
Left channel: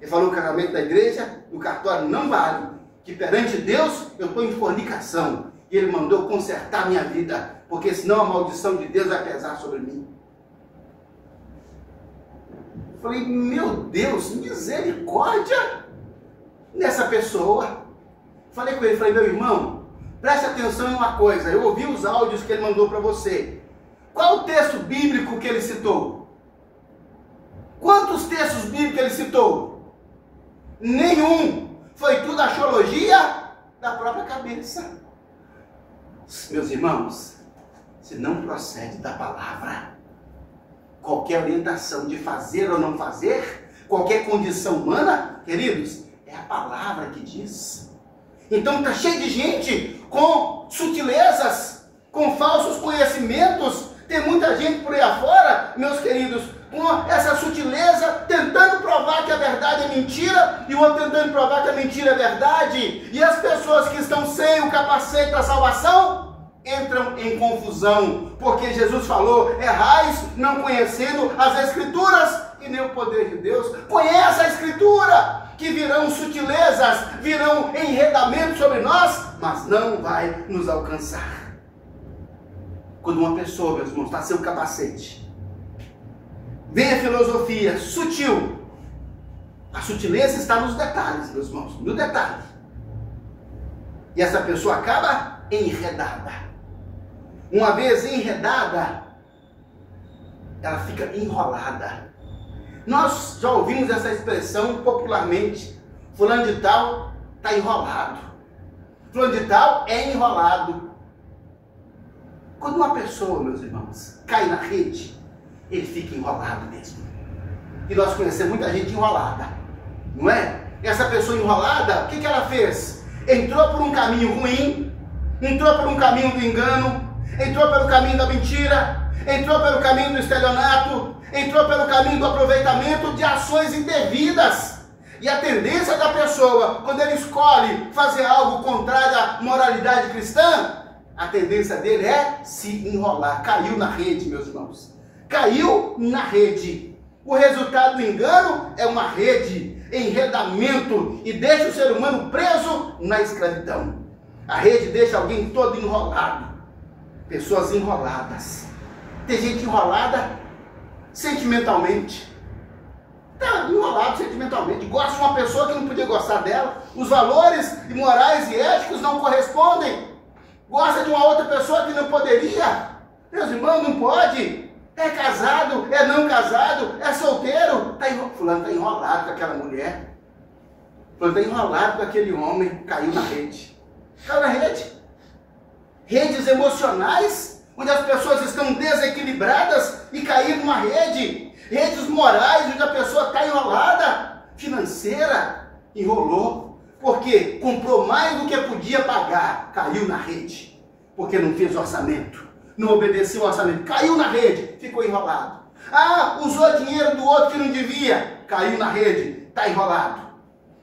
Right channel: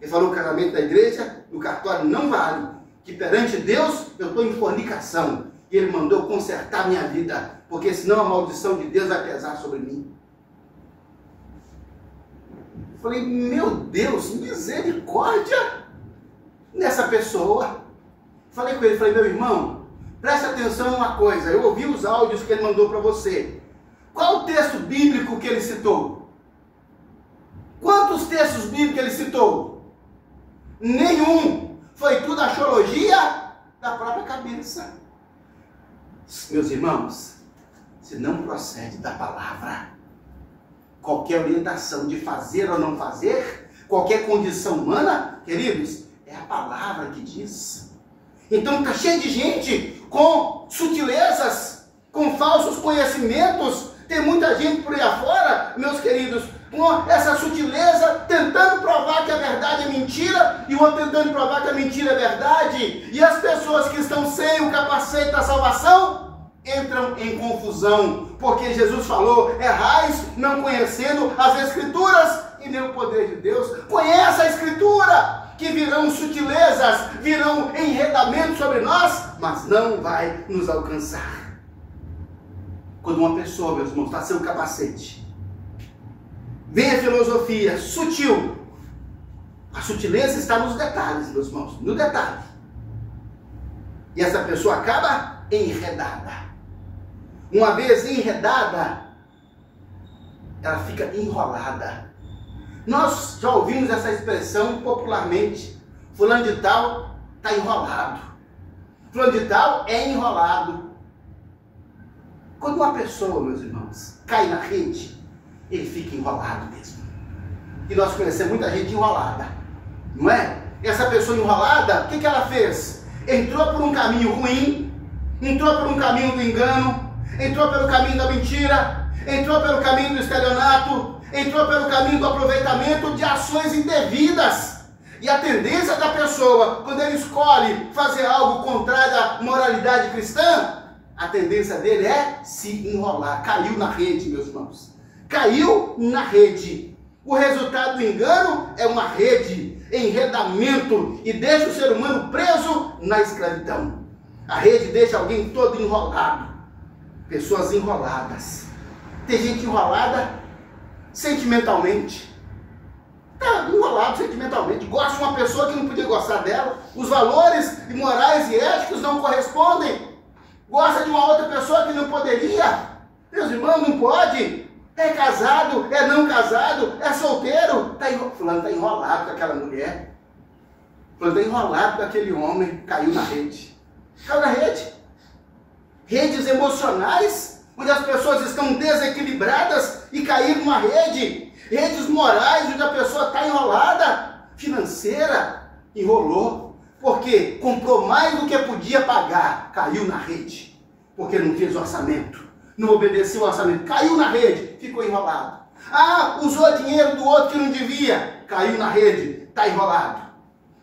Ele falou, o casamento da igreja, no cartório não vale, que perante Deus eu estou em fornicação. E ele mandou consertar minha vida, porque senão a maldição de Deus vai pesar sobre mim. Eu falei, meu Deus, misericórdia nessa pessoa. Falei com ele, falei, meu irmão, preste atenção em uma coisa, eu ouvi os áudios que ele mandou para você. Qual o texto bíblico que ele citou? Quantos textos bíblicos ele citou? Nenhum. Foi tudo axiologia da própria cabeça. Meus irmãos, se não procede da palavra, qualquer orientação de fazer ou não fazer, qualquer condição humana, queridos, é a palavra que diz. Então está cheio de gente com sutilezas, com falsos conhecimentos. Tem muita gente por aí afora, meus queridos, com essa sutileza, tentando provar que a verdade é mentira, e o outro tentando provar que a mentira é verdade. E as pessoas que estão sem o capacete da salvação entram em confusão, porque Jesus falou, errais não conhecendo as Escrituras e nem o poder de Deus. Conheça a Escritura, que virão sutilezas, virão enredamentos sobre nós, mas não vai nos alcançar. Quando uma pessoa, meus irmãos, está sem o capacete, vem a filosofia sutil. A sutileza está nos detalhes, meus irmãos, no detalhe. E essa pessoa acaba enredada. Uma vez enredada, ela fica enrolada. Nós já ouvimos essa expressão popularmente. Fulano de tal está enrolado. Fulano de tal é enrolado. Quando uma pessoa, meus irmãos, cai na rede, ele fica enrolado mesmo. E nós conhecemos muita gente enrolada, não é? essa pessoa enrolada, o que ela fez? Entrou por um caminho ruim, entrou por um caminho do engano, entrou pelo caminho da mentira, entrou pelo caminho do estelionato, entrou pelo caminho do aproveitamento de ações indevidas. E a tendência da pessoa, quando ele escolhe fazer algo contrário à moralidade cristã, a tendência dele é se enrolar. Caiu na rede, meus irmãos. Caiu na rede. O resultado do engano é uma rede, enredamento, e deixa o ser humano preso na escravidão. A rede deixa alguém todo enrolado. Pessoas enroladas. Tem gente enrolada sentimentalmente. Está enrolado sentimentalmente. Gosta de uma pessoa que não podia gostar dela. Os valores morais e éticos não correspondem. Gosta de uma outra pessoa que não poderia. Meus irmãos, não pode. É casado, é não casado, é solteiro. Fulano está enrolado com aquela mulher. Fulano está enrolado com aquele homem. Caiu na rede. Caiu na rede. Redes emocionais, onde as pessoas estão desequilibradas e caíram numa rede. Redes morais, onde a pessoa está enrolada. Financeira, enrolou. Porque comprou mais do que podia pagar. Caiu na rede. Porque não fez orçamento. Não obedeceu o orçamento. Caiu na rede. Ficou enrolado. Usou dinheiro do outro que não devia. Caiu na rede. Está enrolado.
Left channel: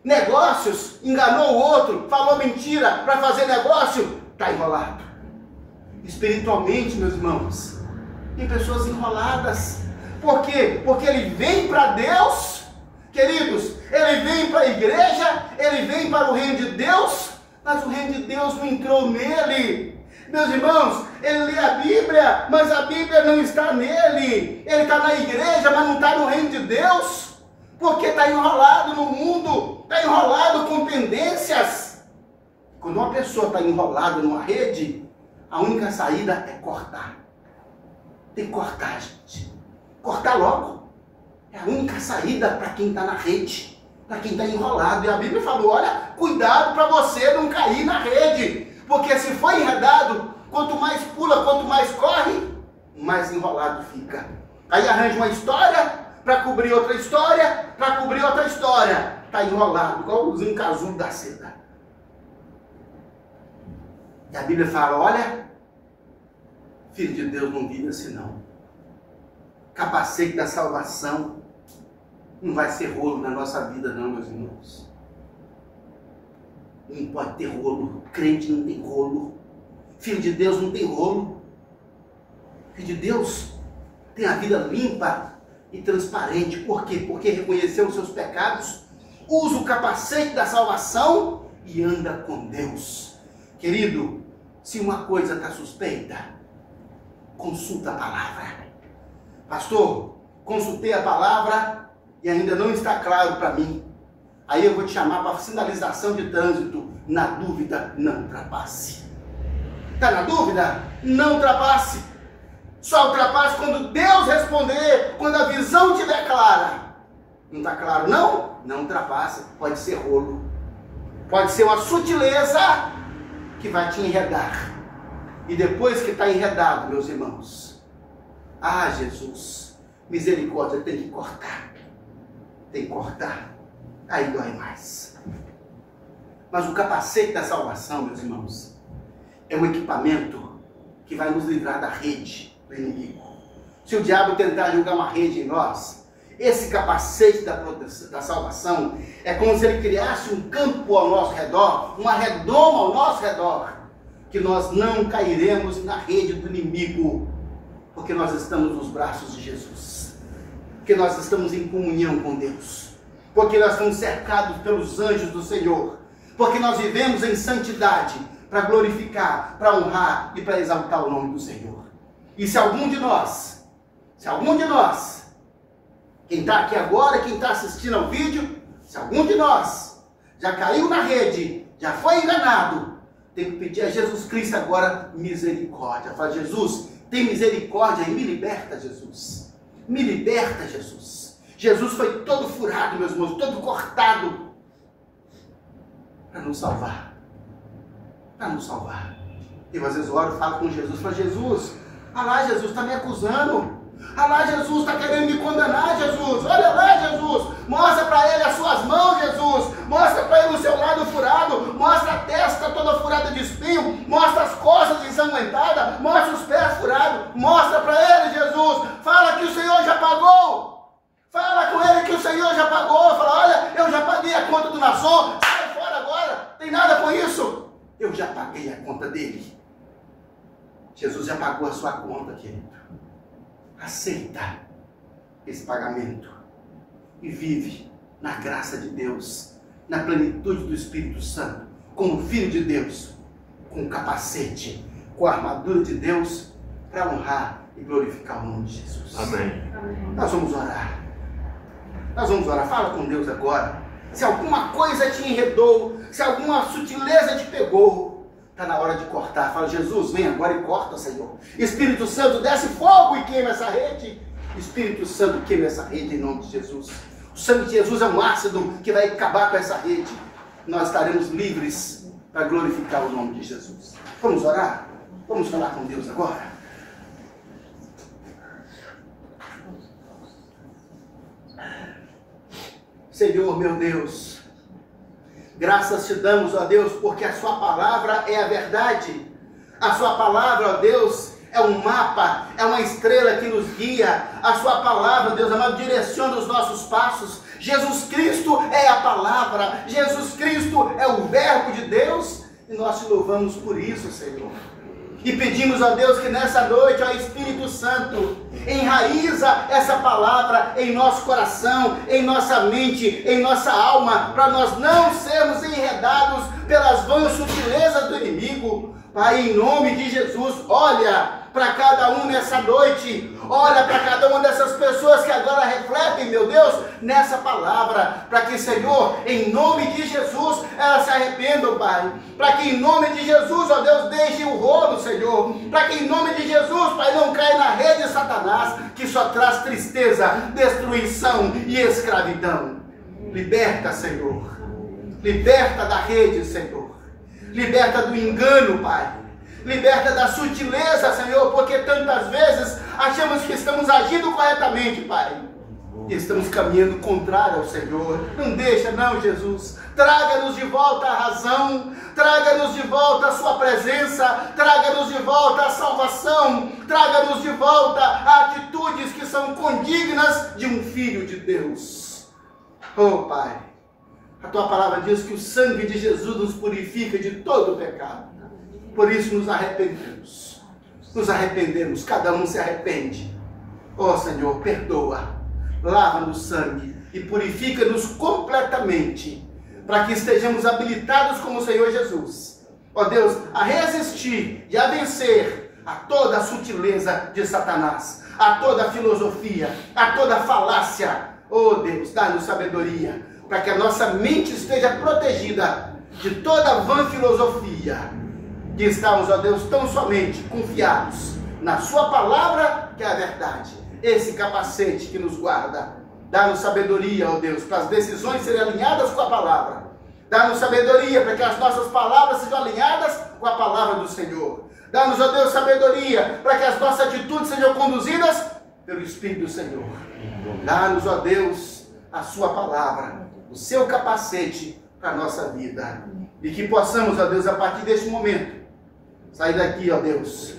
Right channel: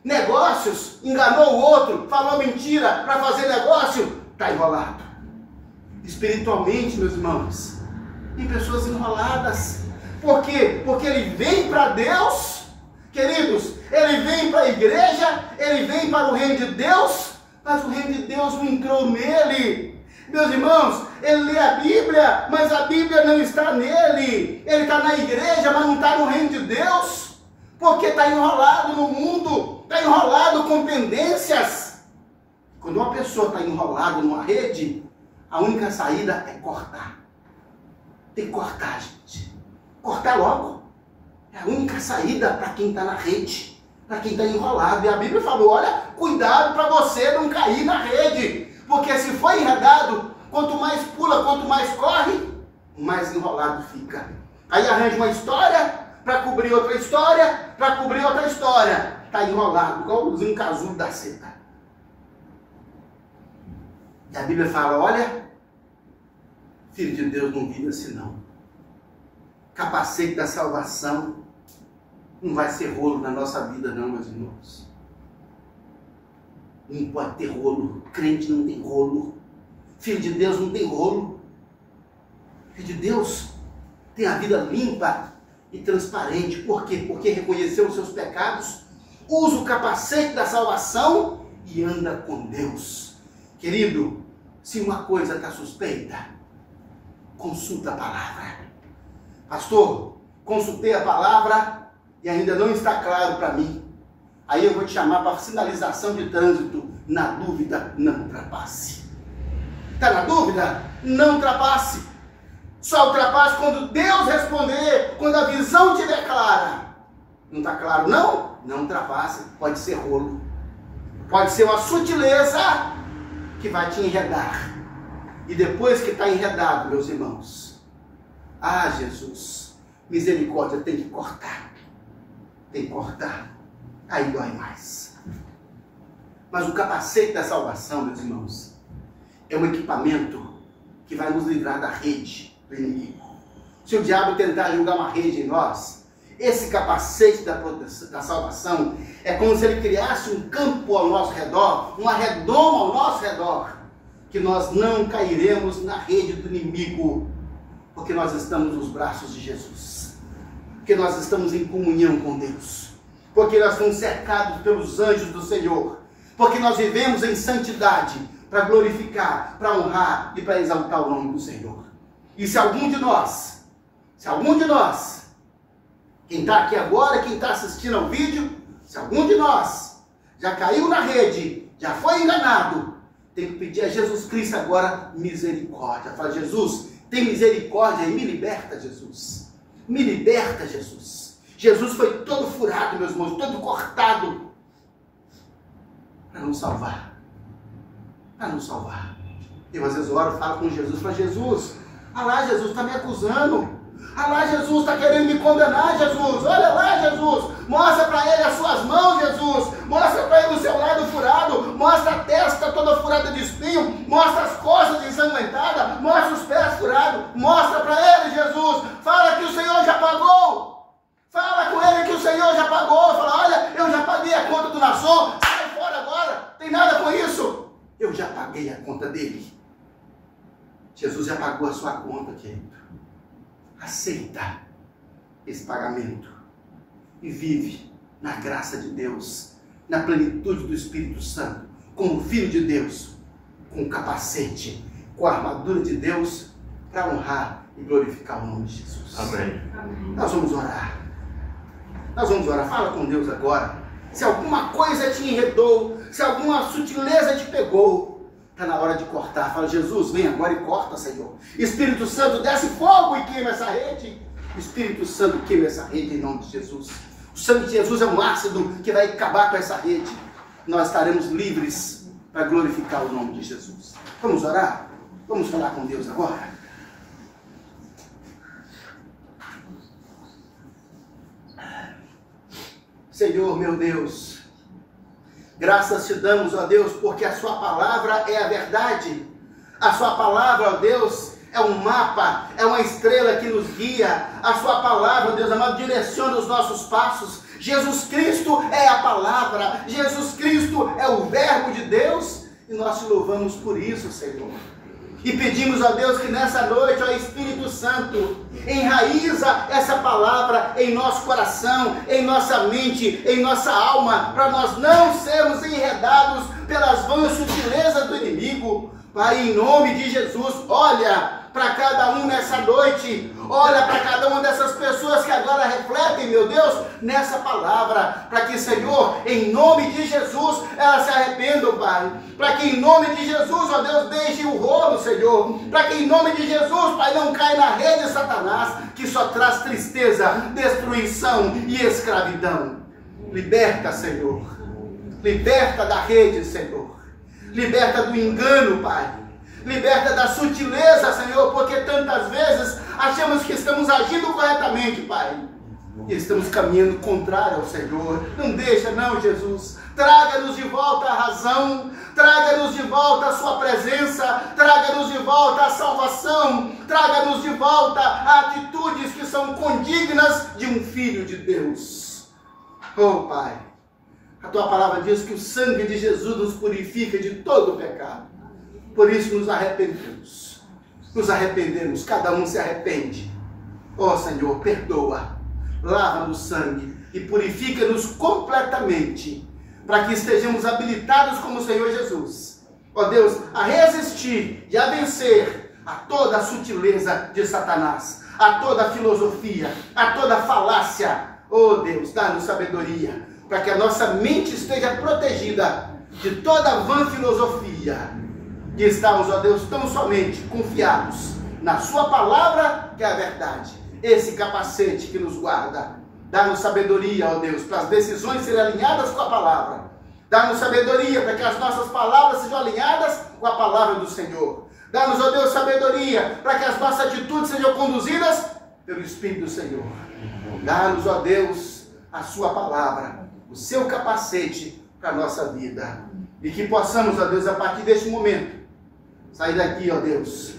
Negócios, enganou o outro. Falou mentira para fazer negócio. Está enrolado. Espiritualmente, meus irmãos, tem pessoas enroladas. Por quê? Porque ele vem para Deus, queridos, ele vem para a igreja, ele vem para o reino de Deus, mas o reino de Deus não entrou nele. Meus irmãos, ele lê a Bíblia, mas a Bíblia não está nele. Ele está na igreja, mas não está no reino de Deus, porque está enrolado no mundo, está enrolado com pendências. Quando uma pessoa está enrolada numa rede, a única saída é cortar. Tem que cortar, gente. Cortar logo. É a única saída para quem está na rede, para quem está enrolado. E a Bíblia falou, olha, cuidado para você não cair na rede. Porque se for enredado, quanto mais pula, quanto mais corre, mais enrolado fica. Aí arranja uma história para cobrir outra história, para cobrir outra história. Está enrolado, igual um casulo da seda. E a Bíblia fala, olha, filho de Deus não vive assim não. Capacete da salvação não vai ser rolo na nossa vida não, meus irmãos. Não pode ter rolo. Crente não tem rolo. Filho de Deus não tem rolo. Filho de Deus tem a vida limpa e transparente. Por quê? Porque reconheceu os seus pecados, usa o capacete da salvação e anda com Deus. Querido, se uma coisa está suspeita, consulta a palavra. Pastor, consultei a palavra e ainda não está claro para mim. Aí eu vou te chamar para sinalização de trânsito. Na dúvida, não ultrapasse. Está na dúvida? Não ultrapasse. Só ultrapasse quando Deus responder, quando a visão estiver clara. Não está claro não? Não ultrapasse. Pode ser rolo. Pode ser uma sutileza que vai te enredar. E depois que está enredado, meus irmãos, Jesus, misericórdia, tem que cortar. Tem que cortar. Aí dói mais. Mas o capacete da salvação, meus irmãos, é um equipamento que vai nos livrar da rede do inimigo. Se o diabo tentar jogar uma rede em nós, esse capacete da salvação é como se ele criasse um campo ao nosso redor, uma redoma ao nosso redor, que nós não cairemos na rede do inimigo, porque nós estamos nos braços de Jesus, porque nós estamos em comunhão com Deus, porque nós estamos cercados pelos anjos do Senhor, porque nós vivemos em santidade para glorificar, para honrar e para exaltar o nome do Senhor. E se algum de nós, quem está aqui agora, quem está assistindo ao vídeo, se algum de nós já caiu na rede, já foi enganado, tem que pedir a Jesus Cristo agora misericórdia. Fala, Jesus, tem misericórdia e me liberta, Jesus. Me liberta, Jesus. Jesus foi todo furado, meus irmãos, todo cortado para nos salvar. Para nos salvar. E às vezes eu oro, falo com Jesus, falo, Jesus, olha lá, Jesus está me acusando. Olha lá, Jesus está querendo me condenar, Jesus. Olha lá, Jesus. Mostra para ele as suas mãos, Jesus. mostra as costas ensanguentadas, mostra os pés furados, mostra para ele, Jesus, fala que o Senhor já pagou, fala com ele que o Senhor já pagou, fala, olha, eu já paguei a conta do Naasson, sai fora agora, tem nada com isso, eu já paguei a conta dele. Jesus já pagou a sua conta, querido. Aceita esse pagamento e vive na graça de Deus, na plenitude do Espírito Santo, como filho de Deus, com o capacete, com a armadura de Deus, para honrar e glorificar o nome de Jesus. Amém. Nós vamos orar. Nós vamos orar. Fala com Deus agora. Se alguma coisa te enredou, se alguma sutileza te pegou, está na hora de cortar. Fala, Jesus, vem agora e corta, Senhor. Espírito Santo, desce fogo e queima essa rede. Espírito Santo, queima essa rede em nome de Jesus. O sangue de Jesus é um ácido que vai acabar com essa rede. Nós estaremos livres para glorificar o nome de Jesus. Vamos orar? Vamos falar com Deus agora? Senhor, meu Deus, graças te damos, ó Deus, porque a sua palavra é a verdade. A sua palavra, ó Deus, é um mapa, é uma estrela que nos guia. A sua palavra, Deus amado, direciona os nossos passos. Jesus Cristo é a palavra, Jesus Cristo é o verbo de Deus, e nós te louvamos por isso, Senhor. E pedimos, ó Deus, que nessa noite, ó Espírito Santo, enraiza essa palavra em nosso coração, em nossa mente, em nossa alma, para nós não sermos enredados pelas vãs sutilezas do inimigo. Pai, em nome de Jesus, olha para cada um nessa noite, olha para cada uma dessas pessoas que agora refletem, meu Deus, nessa palavra, para que, Senhor, em nome de Jesus, elas se arrependam, Pai, para que em nome de Jesus, ó Deus, deixe o rolo, Senhor, para que em nome de Jesus, Pai, não caia na rede de Satanás, que só traz tristeza, destruição e escravidão. Liberta, Senhor, liberta da rede, Senhor, liberta do engano, Pai, liberta da sutileza, Senhor, porque tantas vezes achamos que estamos agindo corretamente, Pai, e estamos caminhando contrário ao Senhor. Não deixa não, Jesus, traga-nos de volta a razão, traga-nos de volta a sua presença, traga-nos de volta a salvação, traga-nos de volta a atitudes que são condignas de um filho de Deus. Oh, Pai, a tua palavra diz que o sangue de Jesus nos purifica de todo o pecado. Por isso nos arrependemos. Nos arrependemos, cada um se arrepende. Oh Senhor, perdoa, lava no sangue e purifica-nos completamente, para que estejamos habilitados como o Senhor Jesus. Ó Deus, a resistir e a vencer a toda a sutileza de Satanás, a toda a filosofia, a toda a falácia. Oh Deus, dá-nos sabedoria, para que a nossa mente esteja protegida de toda a vã filosofia, e estamos, ó Deus, tão somente confiados na sua palavra, que é a verdade, esse capacete que nos guarda. Dá-nos sabedoria, ó Deus, para as decisões serem alinhadas com a palavra. Dá-nos sabedoria para que as nossas palavras sejam alinhadas com a palavra do Senhor. Dá-nos, ó Deus, sabedoria para que as nossas atitudes sejam conduzidas pelo Espírito do Senhor. Dá-nos, ó Deus, a sua palavra, o seu capacete para a nossa vida. E que possamos, ó Deus, a partir deste momento, sair daqui, ó Deus,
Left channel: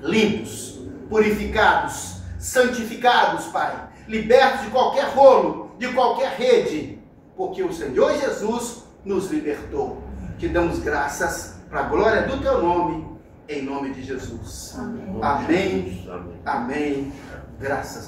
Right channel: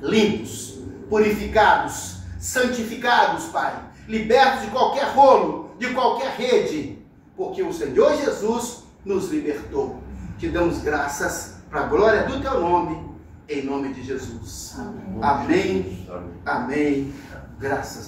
limpos, purificados, santificados, Pai, libertos de qualquer rolo, de qualquer rede, porque o Senhor Jesus nos libertou. Te damos graças para a glória do teu nome, em nome de Jesus. Amém. Amém. Amém. Graças.